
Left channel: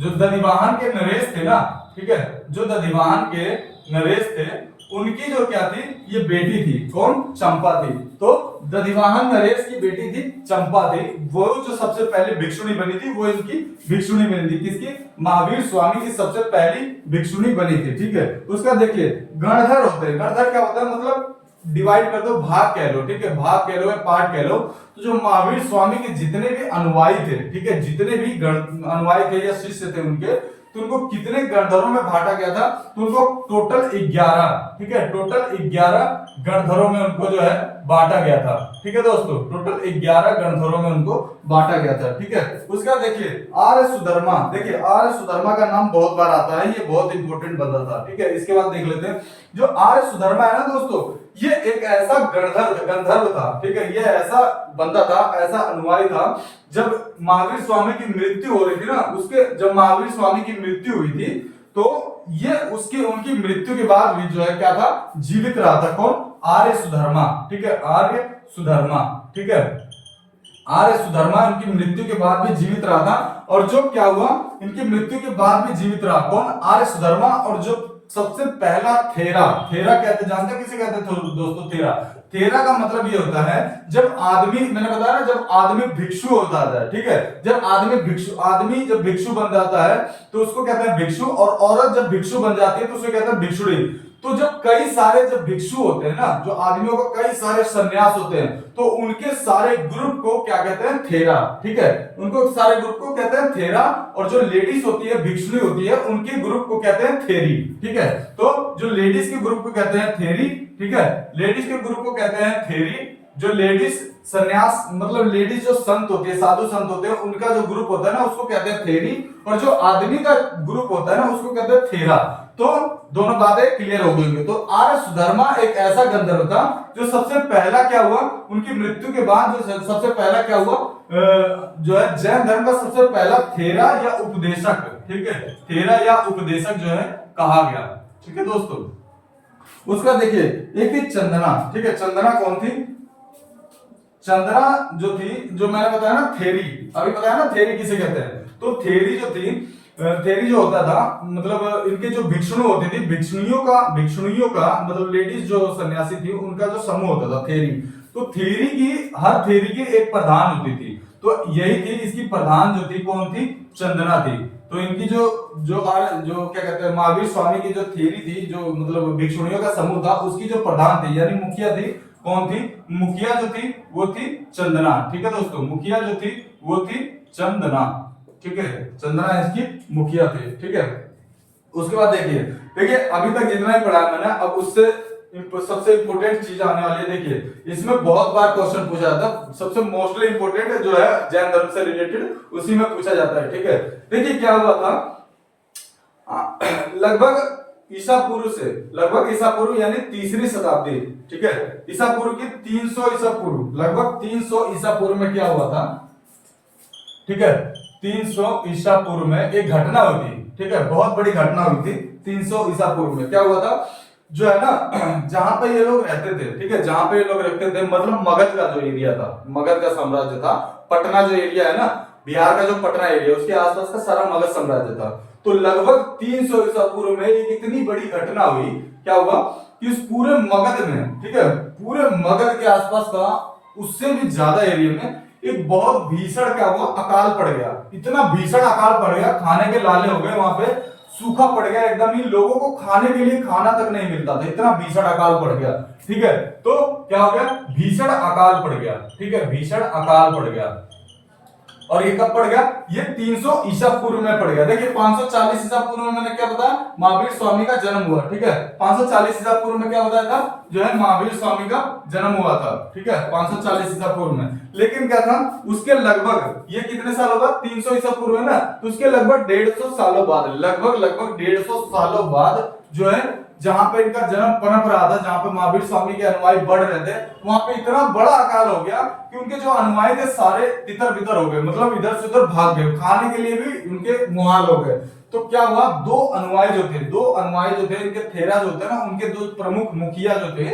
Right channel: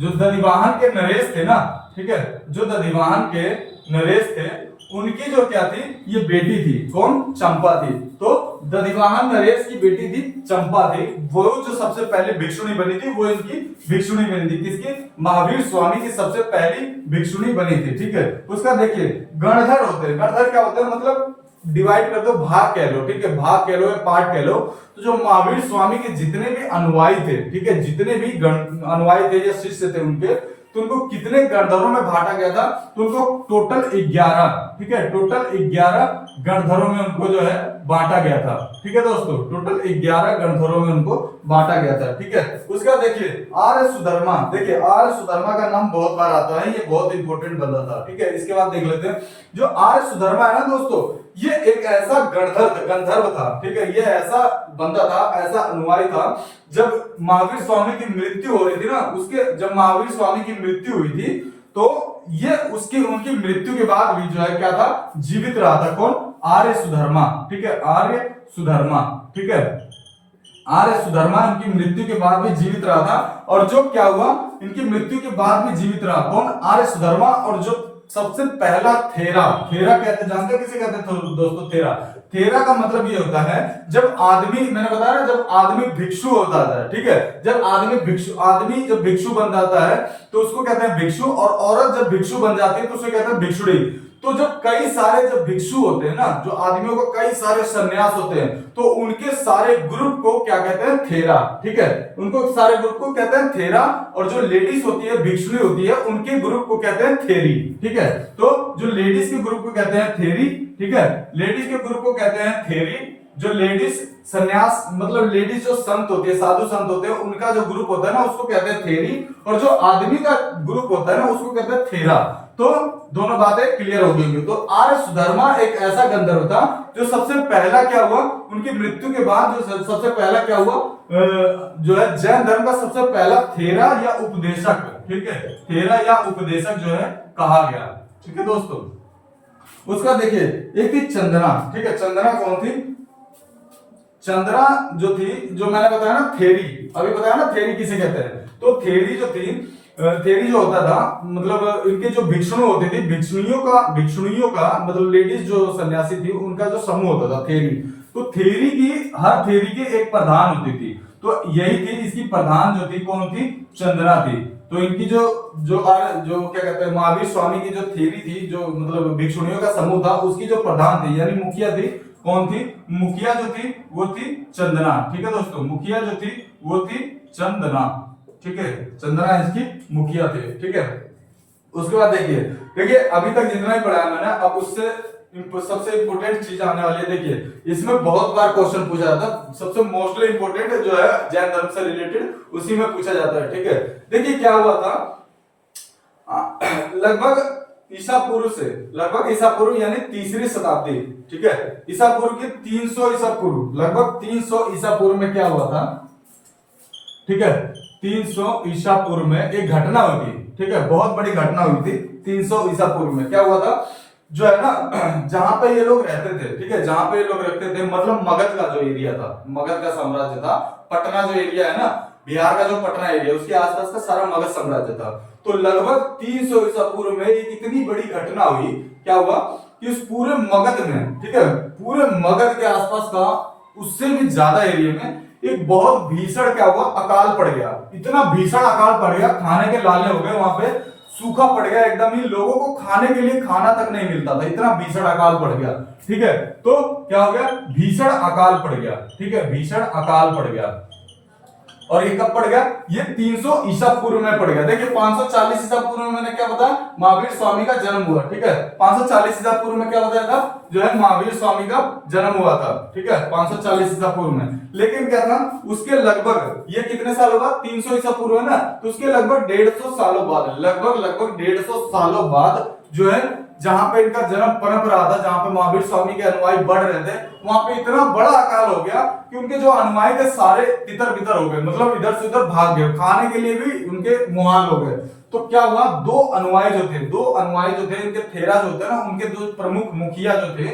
जो दधिवाहन के नरेश थे ना। ठीक है, जो दधिवाहन के नरेश थे उनकी जो क्या थी, ये बेटी थी। कौन, चंपा थी। तो दधिवाहन नरेश की बेटी थी चंपा थी, वो जो सबसे पहले भिक्षुणी बनी थी, वो इनकी भिक्षुणी बनी थी। किसकी, महावीर स्वामी की सबसे पहली भिक्षुणी बनी थी। ठीक है, उसका देखिए गणधर होते हैं। गणधर क्या होता है, मतलब डिवाइड कर दो, भाग कह लो। ठीक है, भाग कह लो या पार्ट कह लो। तो जो महावीर स्वामी के जितने भी अनुयायी थे, ठीक है, जितने भी अनुयायी थे या शिष्य थे उनके, तो उनको कितने गणधरों में बांटा गया था, तो उनको टोटल 11, ठीक है, टोटल 11 गणधरों में उनको जो है बांटा गया था। ठीक है दोस्तों, टोटल 11 गणधरों में उनको बांटा गया था। ठीक है, उसका देखिए आर्य सुधर्मा। देखिए आर्य सुधर्मा का नाम बहुत बार आता है, ये बहुत इंपॉर्टेंट बंदा था। ठीक है, इसके बाद देख लेते हैं जो आर्य सुधर्मा है ना दोस्तों, ये एक ऐसा गंधर्व था। ठीक है, ये ऐसा बंदा था, ऐसा अनुयायी था। जब महावीर स्वामी की मृत्यु हो रही थी ना, उसके जब महावीर स्वामी की मृत्यु हुई थी तो ये उनकी मृत्यु के बाद भी जो है क्या था, जीवित रहा था। कौन, आर्य सुधर्मा। ठीक है, आर्य सुधर्मा। ठीक है, आर्य सुधर्मा इनकी मृत्यु के बाद भी जीवित रहा था। और जो क्या हुआ, इनकी मृत्यु के बाद भी जीवित रहा कौन, आर्य सुधर्मा। और जो सबसे पहला थेरा कहते, जानते किसे कहते थे दोस्तों, थेरा का मतलब ये होता है जब आदमी, मैंने बताया ना, जब आदमी भिक्षु होता है, ठीक है, जब आदमी जब भिक्षु बन जाता है तो उसको कहते हैं भिक्षु, और औरत जब भिक्षु बन जाती है तो उसे कहते हैं भिक्षुणी। तो जब कई सारे जब भिक्षु होते हैं ना, जो आदमियों को कई सारे सन्यास होते हैं, तो उनके सारे ग्रुप को क्या कहते हैं, थेरा, ठीक है, उनको सारे ग्रुप को कहते हैं थेरा। और जो लेडीज होती है, भिक्षुणी होती है, उनके ग्रुप को कहते हैं थेरी, ठीक है। तो जो लेडीज के ग्रुप को कहते हैं थेरी, ठीक है, लेडीज के ग्रुप को कहते हैं थेरी। जो लेडीज सन्यास मतलब लेडीज जो संत होती है, साधु संत होते हैं, उनका जो ग्रुप होता है ना, उसको कहते हैं थेरी। और जो आदमी का ग्रुप होता है ना, उसको कहते हैं थेरा। तो दोनों बातें क्लियर हो गई। तो आर्य सुधर्मा एक ऐसा गंधर्व था जो सबसे पहला क्या हुआ, उनकी मृत्यु के बाद जो सबसे पहला क्या हुआ, जो है जैन धर्म का सबसे पहला थेरा या उपदेशक, ठीक है, थेरा या उपदेशक जो है कहा गया, ठीक है दोस्तों। उसका देखिए एक थी चंदना, ठीक है, चंदना कौन थी, चंदना जो थी, जो मैंने बताया ना थेरी, अभी बताया ना थेरी किसे कहते हैं। तो थेरी जो थी, थेरी जो होता था, मतलब इनके जो भिक्षुणी होती थी, भिक्षुणियों का मतलब लेडीज जो सन्यासी थी, उनका जो समूह होता था थेरी। तो थेरी की, हर थेरी की एक प्रधान होती थी। तो यही थी, इसकी प्रधान जो थी कौन थी, चंदना थी। तो इनकी जो क्या कहते हैं, महावीर स्वामी की जो थेरी थी, जो मतलब भिक्षुणियों का समूह था, उसकी जो प्रधान थी यानी मुखिया थी, कौन थी, मुखिया जो थी वो थी चंदना, ठीक है दोस्तों, मुखिया जो थी वो थी चंदना, ठीक है, चंदना इसकी मुखिया थे, ठीक है। उसके बाद देखिए अभी तक जितना ही पढ़ा मैंने, अब उससे सबसे इंपोर्टेंट चीज आने वाली है। देखिए इसमें बहुत बार क्वेश्चन पूछा जाता है, सबसे मोस्टली इंपोर्टेंट जो है जैन धर्म से रिलेटेड, उसी में पूछा जाता है, ठीक है। देखिए क्या हुआ था, लगभग ईसा पूर्व यानी तीसरी शताब्दी, ठीक है, ईसा पूर्व की 300 ईसा पूर्व, लगभग 300 ईसा पूर्व में क्या हुआ था, ठीक है, 300 ईसा पूर्व में एक घटना हुई थी, ठीक है, बहुत बड़ी घटना हुई थी 300 ईसा पूर्व में। क्या हुआ था, जो है ना, जहां पे ये लोग रहते थे, ठीक है, जहां पे ये लोग रहते थे, मतलब मगध का जो एरिया था, मगध का साम्राज्य था, पटना जो एरिया है ना, बिहार का जो पटना एरिया, उसके आसपास का सारा मगध साम्राज्य था। तो लगभग 300 ईसा पूर्व में एक इतनी बड़ी घटना हुई, क्या हुआ कि उस पूरे मगध में, ठीक है, पूरे मगध के आसपास का उससे भी ज्यादा एरिया में एक बहुत भीषण क्या हुआ, अकाल पड़ गया। इतना भीषण अकाल पड़ गया, खाने के लाले हो गए, वहां पे सूखा पड़ गया एकदम ही, लोगों को खाने के लिए खाना तक नहीं मिलता था, इतना भीषण अकाल पड़ गया, ठीक है। तो क्या हो गया, भीषण अकाल पड़ गया, ठीक है, भीषण अकाल पड़ गया। और ये कब पड़ गया, ये 300 ईसा पूर्व में पड़ गया। देखिए 540 ईसा पूर्व में मैंने क्या बताया, महावीर स्वामी का जन्म हुआ, ठीक है, 540 ईसा पूर्व में क्या बताया था, जो है महावीर स्वामी का जन्म हुआ था, ठीक है, 540 ईसा पूर्व में। लेकिन क्या था, उसके लगभग ये कितने सालों बाद, 300 ईसा पूर्व है ना, तो उसके लगभग 150 सालों बाद, लगभग 150 सालों बाद जो है, जहां पे इनका जन्म पनप रहा था, जहां पे महावीर स्वामी के अनुयायी बढ़ रहे थे, वहां पे इतना बड़ा अकाल हो गया कि उनके जो अनुयायी थे सारे तितर बितर हो गए, मतलब इधर से उधर भाग गए, खाने के लिए भी उनके मुहाल हो गए। तो क्या हुआ, दो अनुयायी जो थे इनके थेरा जो थे ना, उनके दो प्रमुख मुखिया जो थे,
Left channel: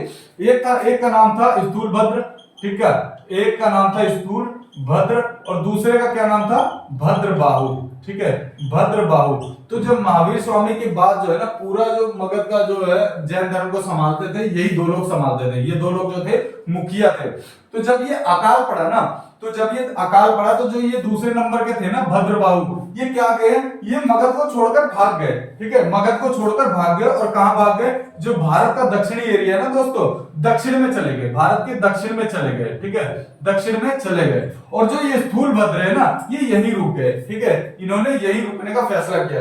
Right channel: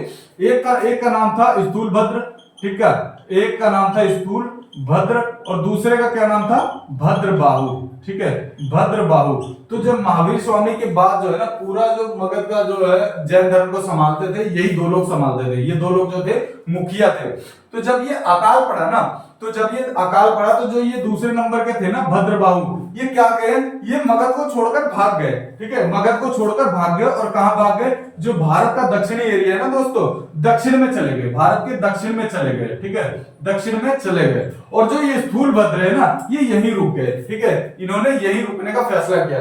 एक का नाम था स्थूलभद्र, ठीक है, एक का नाम था स्थूल भद्र और दूसरे का क्या नाम था, भद्रबाहु, ठीक है, भद्रबाहु। तो जब महावीर स्वामी के बाद जो है ना, पूरा जो मगध का जो है जैन धर्म को संभालते थे, यही दो लोग संभालते थे, ये दो लोग जो थे मुखिया थे। तो जब ये अकाल पड़ा ना, तो जो ये दूसरे नंबर के थे ना भद्रबाहु, ये क्या गए, ये मगध को छोड़कर भाग गए, ठीक है, मगध को छोड़कर भाग गए। और कहां भाग गए, जो भारत का दक्षिणी एरिया है ना दोस्तों, दक्षिण में चले गए, भारत के दक्षिण में चले गए, ठीक है, दक्षिण में चले गए। और जो ये स्थूल भद्र है ना, ये यहीं रुक गए, ठीक है, इन्होंने यहीं रुकने का फैसला किया।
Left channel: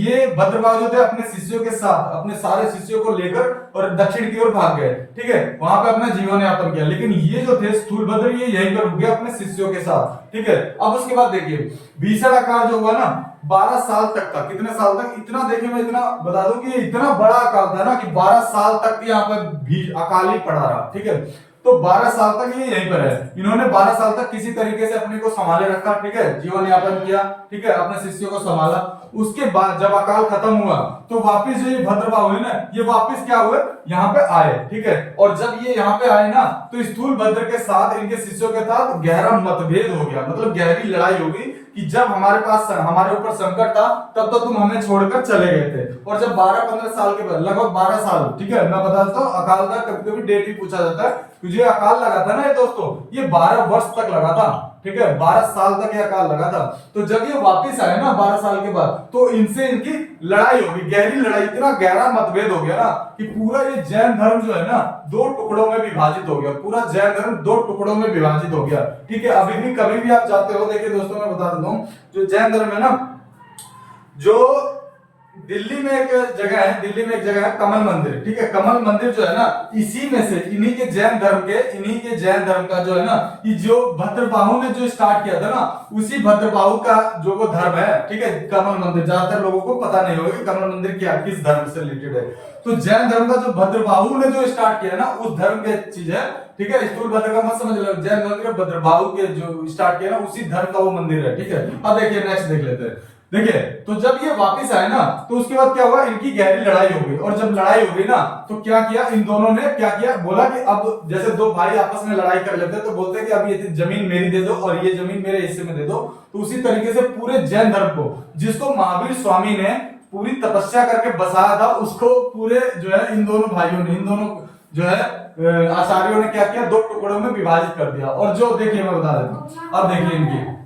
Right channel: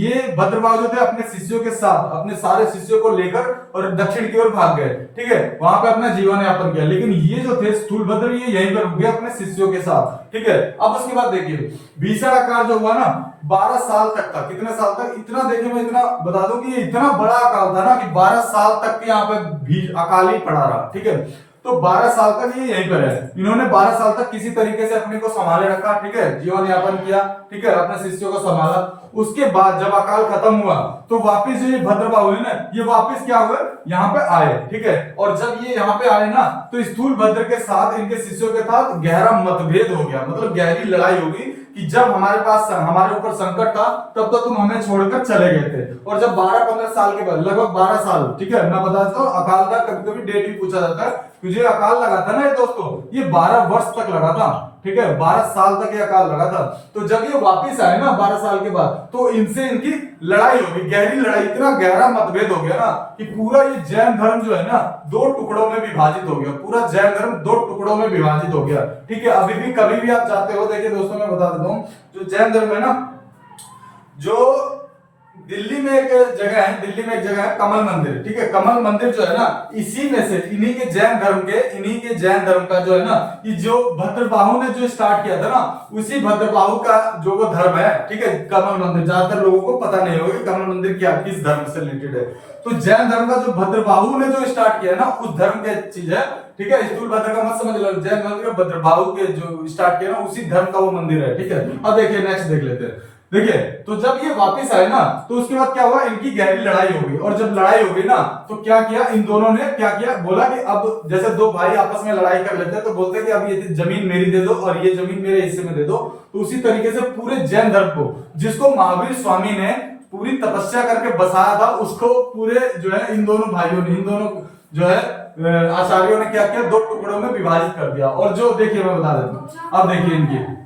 ये भद्रबाहु जो थे अपने शिष्यों के साथ, अपने सारे शिष्यों को लेकर और दक्षिण की ओर भाग गए, ठीक है, वहां पे अपना जीवन यापन किया। लेकिन ये जो थे स्थूल भद्र, ये यहीं पर रुक गए अपने शिष्यों के साथ, ठीक है। अब उसके बाद देखिए भीषण अकाल जो हुआ ना, 12 साल तक था, कितने साल तक, इतना देखिए मैं इतना बता दूं कि ये इतना बड़ा अकाल था ना कि 12 साल तक यहाँ पे भी अकाल ही पड़ा रहा, ठीक है। तो 12 साल तक ये यहीं पर है। इन्होंने 12 साल तक किसी तरीके से अपने को संभाले रखा, ठीक है, जीवन यापन किया, ठीक है, अपने शिष्यों को संभाला। उसके बाद जब अकाल खत्म हुआ तो वापिस जो ये भद्रबाहु है ना, ये वापिस क्या हुए, यहाँ पे आए, ठीक है। और जब ये यहाँ पे आए ना तो स्थूल भद्र के साथ, इनके शिष्यों के साथ गहरा मतभेद हो गया, मतलब गहरी लड़ाई हो गई कि जब हमारे ऊपर संकट था तब तो तुम हमें छोड़कर चले गए थे, और जब 12-15 साल के बाद, लगभग 12 साल, ठीक है, मैं बता देता हूँ अकाल का कभी कभी डेट भी पूछा जाता है, तुझे अकाल लगा था ना ये दोस्तों, ये 12 वर्ष तक लगा था, ठीक है, 12 साल तक ये अकाल लगा था। तो जब ये वापिस आए ना 12 साल के बाद, तो इनसे इनकी लड़ाई हो गई, गहरी लड़ाई, इतना गहरा मतभेद हो गया ना कि पूरा ये जैन धर्म जो है ना 2 टुकड़ों में विभाजित हो गया, पूरा जैन धर्म 2 टुकड़ों में विभाजित हो गया, ठीक है। अभी भी कभी भी आप जाते हो, देखिए दोस्तों मैं बता देता हूँ, जो जैन धर्म है ना, जो दिल्ली में एक जगह है, दिल्ली में एक जगह है कमल मंदिर, ठीक है, कमल मंदिर जो है ना, इसी में से इन्हीं के जैन धर्म का जो है ना, ये जो भद्रबाहु ने जो स्टार्ट किया था ना, उसी भद्रबाहु का जो वो धर्म है, ठीक है, कमल मंदिर, ज्यादातर लोगों को पता नहीं होगा कि कमल मंदिर क्या, किस धर्म से रिलेटेड है। तो जैन धर्म का जो भद्रबाहु ने जो स्टार्ट किया ना, उस धर्म की चीज है, ठीक है, स्थूल भद्र का मत समझ लो, जैन धर्म का भद्रबाहु के जो स्टार्ट किया ना, उसी धर्म का वो मंदिर है, ठीक है। अब देखिए नेक्स्ट देख लेते हैं। देखिए तो जब ये वापस आए ना, तो उसके बाद क्या हुआ, इनकी गहरी लड़ाई हो गई, और जब लड़ाई हो गई ना तो क्या किया इन दोनों ने, क्या किया, बोला कि अब जैसे 2 भाई आपस में लड़ाई कर लेते हैं तो बोलते हैं कि अब ये जमीन मेरी दे दो और ये जमीन मेरे हिस्से में दे दो। तो उसी तरीके से पूरे जैन धर्म को, जिसको महावीर स्वामी ने पूरी तपस्या करके बसाया था, उसको पूरे जो है इन दोनों भाइयों ने, इन दोनों जो है आचार्यों ने क्या किया, 2 टुकड़ों में विभाजित कर दिया। और जो देखिए मैं बता देता हूं, अब देखिए इनकी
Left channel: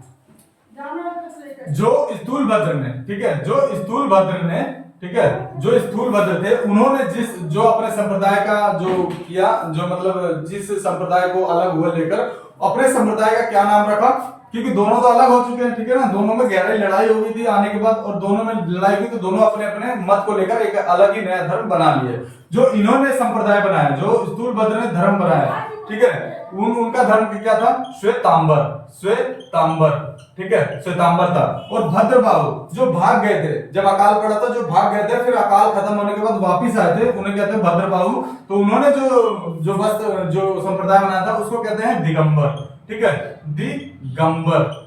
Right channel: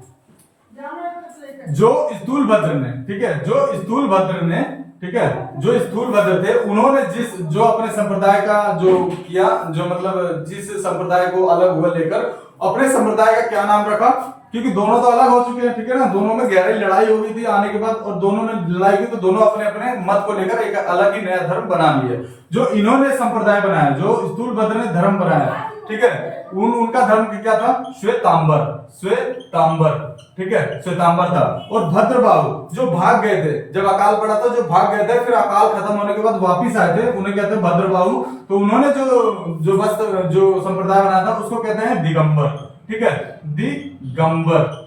जो स्थूल भद्र ने, ठीक है, जो स्थूल भद्र ने, ठीक है, जो स्थूल भद्र थे, उन्होंने जो अपने संप्रदाय का जो किया, जो मतलब जिस संप्रदाय को अलग हुआ लेकर अपने संप्रदाय का क्या नाम रखा, क्योंकि दोनों तो अलग हो चुके हैं, ठीक है ना, दोनों में गहरी लड़ाई हो गई थी आने के बाद, और दोनों में लड़ाई हुई तो दोनों अपने अपने मत को लेकर एक अलग ही नया धर्म बना लिए। जो इन्होंने संप्रदाय बनाया, जो स्थूल भद्र ने धर्म बनाया, ठीक है, उनका धर्म क्या था, श्वेतांबर, ठीक है, श्वेतांबर था। और भद्रबाहु जो भाग गए थे, जब अकाल पड़ा था, जो भाग गए थे, फिर अकाल खत्म होने के बाद वापिस आए थे, उन्हें कहते हैं भद्रबाहु। तो उन्होंने जो संप्रदाय बनाया था उसको कहते हैं दिगंबर, ठीक है, दिगंबर।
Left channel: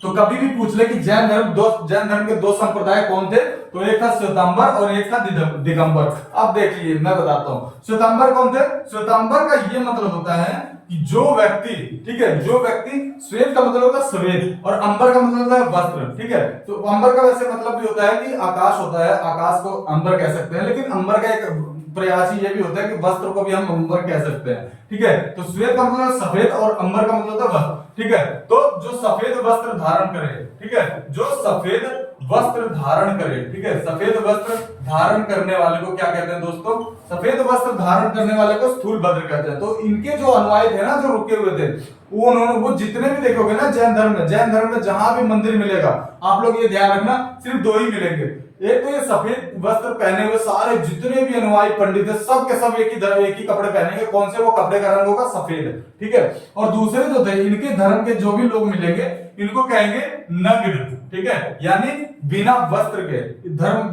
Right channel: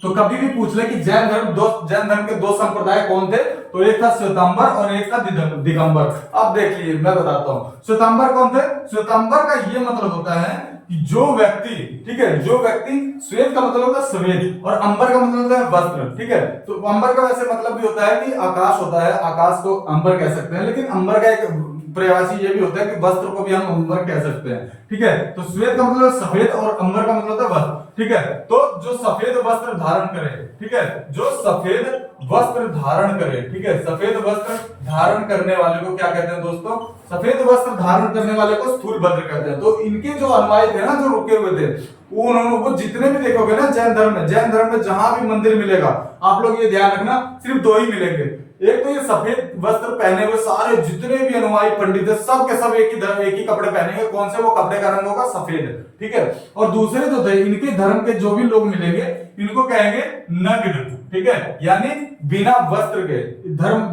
तो कभी भी पूछ ले कि जैन धर्म के 2 संप्रदाय कौन थे, तो एक था श्वेतांबर और एक था दिगंबर। अब देखिए मैं बताता हूँ, श्वेतांबर कौन थे। श्वेतांबर का ये मतलब होता है कि जो व्यक्ति, ठीक है, जो व्यक्ति, श्वेत का मतलब होता है श्वेत और अंबर का मतलब होता है वस्त्र, ठीक है। तो अंबर का वैसे मतलब भी होता है कि आकाश होता है, आकाश को अंबर कह सकते हैं, लेकिन अंबर का एक प्रयासी ये भी होता है कि वस्त्र को भी हम अंबर कह सकते हैं, ठीक है। तो श्वेत का मतलब सफेद और अंबर का मतलब होता है वस्त्र, ठीक है। तो जो सफेद वस्त्र धारण करे, ठीक है, जो सफेद वस्त्र धारण करे, ठीक है, सफेद वस्त्र धारण करने वाले को क्या कहते हैं दोस्तों, सफेद वस्त्र धारण करने वाले को स्थूल भद्र कहते हैं। तो इनके जो अनुयायी थे ना, जो रुके हुए थे, वो जितने भी देखोगे ना जैन धर्म में जहां भी मंदिर मिलेगा, आप लोग ये ध्यान रखना, सिर्फ 2 ही मिलेंगे। एक तो ये सफेद वस्त्र पहने हुए सारे जितने भी अनुयायी पंडित है, सब के सब एक ही कपड़े पहनेंगे। कौन से वो कपड़े का रंग होगा, सफेद, ठीक है। और दूसरे जो थे, इनके धर्म के जो भी लोग मिलेंगे, इनको कहेंगे नग्न, ठीक है, यानी बिना वस्त्र के।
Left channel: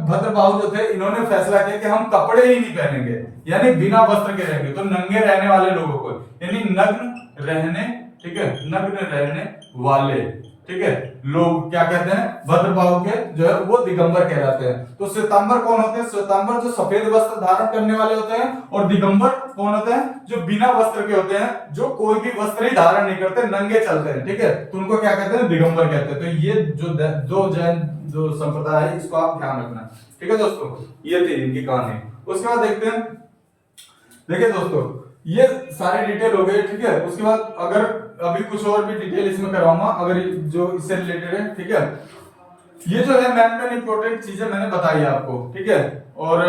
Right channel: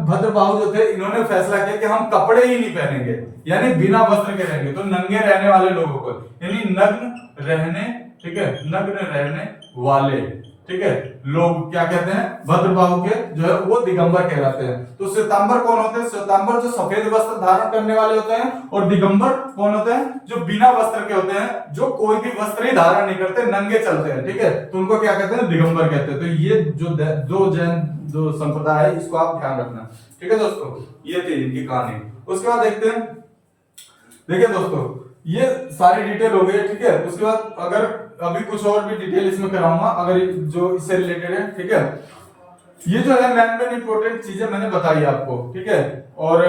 भद्रबाहु जो थे, इन्होंने फैसला किया कि हम कपड़े ही नहीं पहनेंगे, यानी बिना वस्त्र के रहेंगे। तो नंगे रहने वाले लोगों को, यानी नग्न रहने, ठीक है, नग्न रहने वाले, ठीक है, लोग क्या कहते हैं, भद्रबाहु के जो है वो दिगंबर कहलाते हैं। तो श्वेतांबर कौन होते हैं, श्वेतांबर जो सफेद वस्त्र धारण करने वाले होते हैं, और दिगंबर कौन होते हैं, जो बिना वस्त्र के होते हैं, जो कोई भी वस्त्र ही धारण नहीं करते, नंगे चलते हैं, ठीक है। तो उनको क्या कहते हैं, दिगंबर कहते हैं। तो ये जो जैन जो संप्रदाय है, इसको आप ध्यान रखना, ठीक है दोस्तों। ये थी इनकी कहानी। उसके बाद देखते हैं, देखिए दोस्तों ये सारी डिटेल हो गई, ठीक है। उसके बाद अगर अभी कुछ और भी डिटेल इसमें कराऊंगा अगर जो इससे रिलेटेड है, ठीक है। ये जो है मेन इंपॉर्टेंट चीजें मैंने बताई आपको, ठीक है। और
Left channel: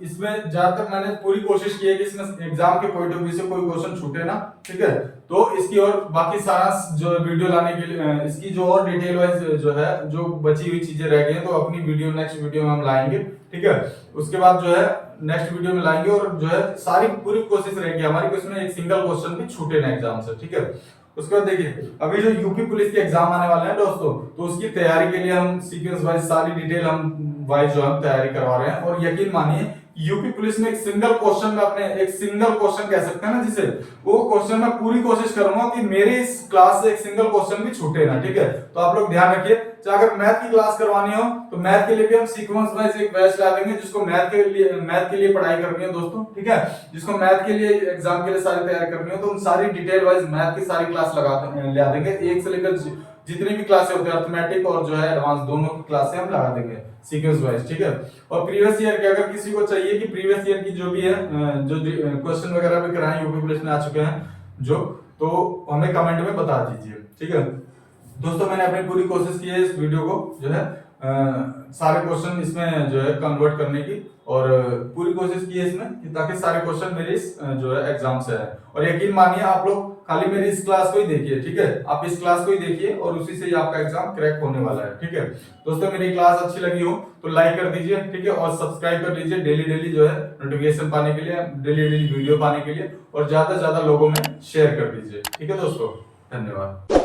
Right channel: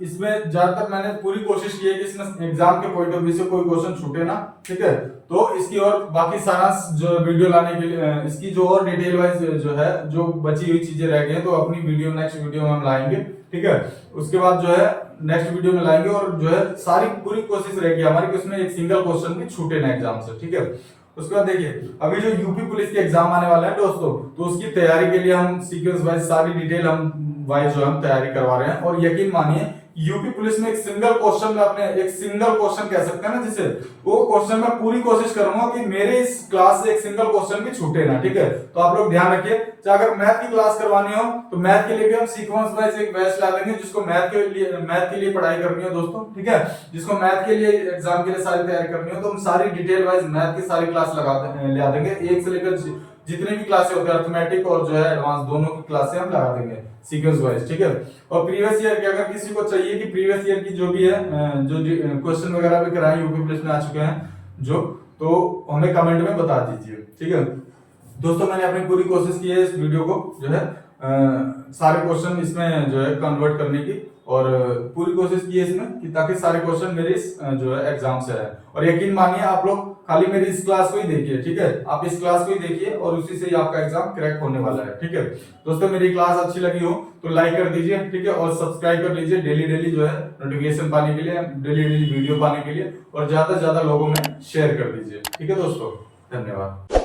इसमें ज्यादातर मैंने पूरी कोशिश की है कि इसमें एग्जाम के पॉइंट ऑफ व्यू से कोई क्वेश्चन छूटे ना, ठीक है। तो इसकी और बाकी सारा जो वीडियो लाने के लिए, इसकी जो और डिटेल वाइज जो है, जो बची हुई चीजें रह गई हैं, तो अपनी नेक्स्ट वीडियो में हम लाएंगे, ठीक है। उसके बाद जो है नेक्स्ट वीडियो में लाएंगे, और जो है सारी पूरी कोशिश रहेगी हमारी कि उसमें एक सिंगल क्वेश्चन भी छूटे ना एग्जाम से, ठीक है। उसके बाद देखिए अभी जो यूपी पुलिस के एग्जाम आने वाले हैं दोस्तों, तो उसकी तैयारी के लिए हम सीक्वेंस वाइज सारी डिटेल हम वाइज जो हम तैयारी करवा रहे हैं। और यकीन मानिए यूपी पुलिस में एक सिंगल क्वेश्चन में अपने एक सिंगल क्वेश्चन कह सकते हैं ना जिसे, वो क्वेश्चन मैं पूरी कोशिश करूंगा कि मेरे इस क्लास से एक सिंगल क्वेश्चन भी छूटे ना, ठीक है। तो आप लोग ध्यान रखिए, चाहे अगर मैथ की क्लास करवानी हो तो मैथ के लिए भी हम सीक्वेंस वाइज एक बैच ला देंगे, जिसको मैथ के लिए पढ़ाई करनी हो दोस्तों, ठीक है। जिसको मैथ के लिए एग्जाम के लिए सारी तैयारी करनी हो तो हम सारी डिटेल वाइज मैथ की सारी क्लास ला देंगे, एक से लेकर जितनी भी क्लासें होती है अर्थमेटिक और जो है एडवांस दोनों की क्लासें हम लगा देंगे सीक्वेंस वाइज, ठीक है। और प्रीवियस ईयर की अगर किसी को चाहिए कि प्रीवियस ईयर की जो भी है जो क्वेश्चन वगैरह भी कराए यूपी पुलिस में आ चुके हैं जो, तो हमें कमेंट में बता दीजिए, ठीक है दोस्तों। मैंने अपनी पूरी कोशिश की है इस वीडियो को जो है सारे क्वेश्चन इसमें जो है कन्वर्ट करने की, और पूरी कोशिश की है इसमें कि ताकि सारे क्वेश्चन मेरे इस जो है एग्जाम से आए। और यकीन मानिए आप लोग खाली मेरी इस क्लास को ही देखिए, ठीक है। आप इस क्लास को ही देखिए और उसी से ही आपका एग्जाम क्रैक होने वाला है, ठीक है दोस्तों। मेरी क्लास अच्छी लगी हो तो लाइक कर दीजिए, ठीक है, और सब्सक्राइब कर लीजिए डेली डेली जो है नोटिफिकेशन पाने के लिए, डेली डेली वीडियो पाने के लिए, और ज्यादा से ज्यादा लोगों में शेयर कर दीजिए, ठीक है दोस्तों। धन्यवाद।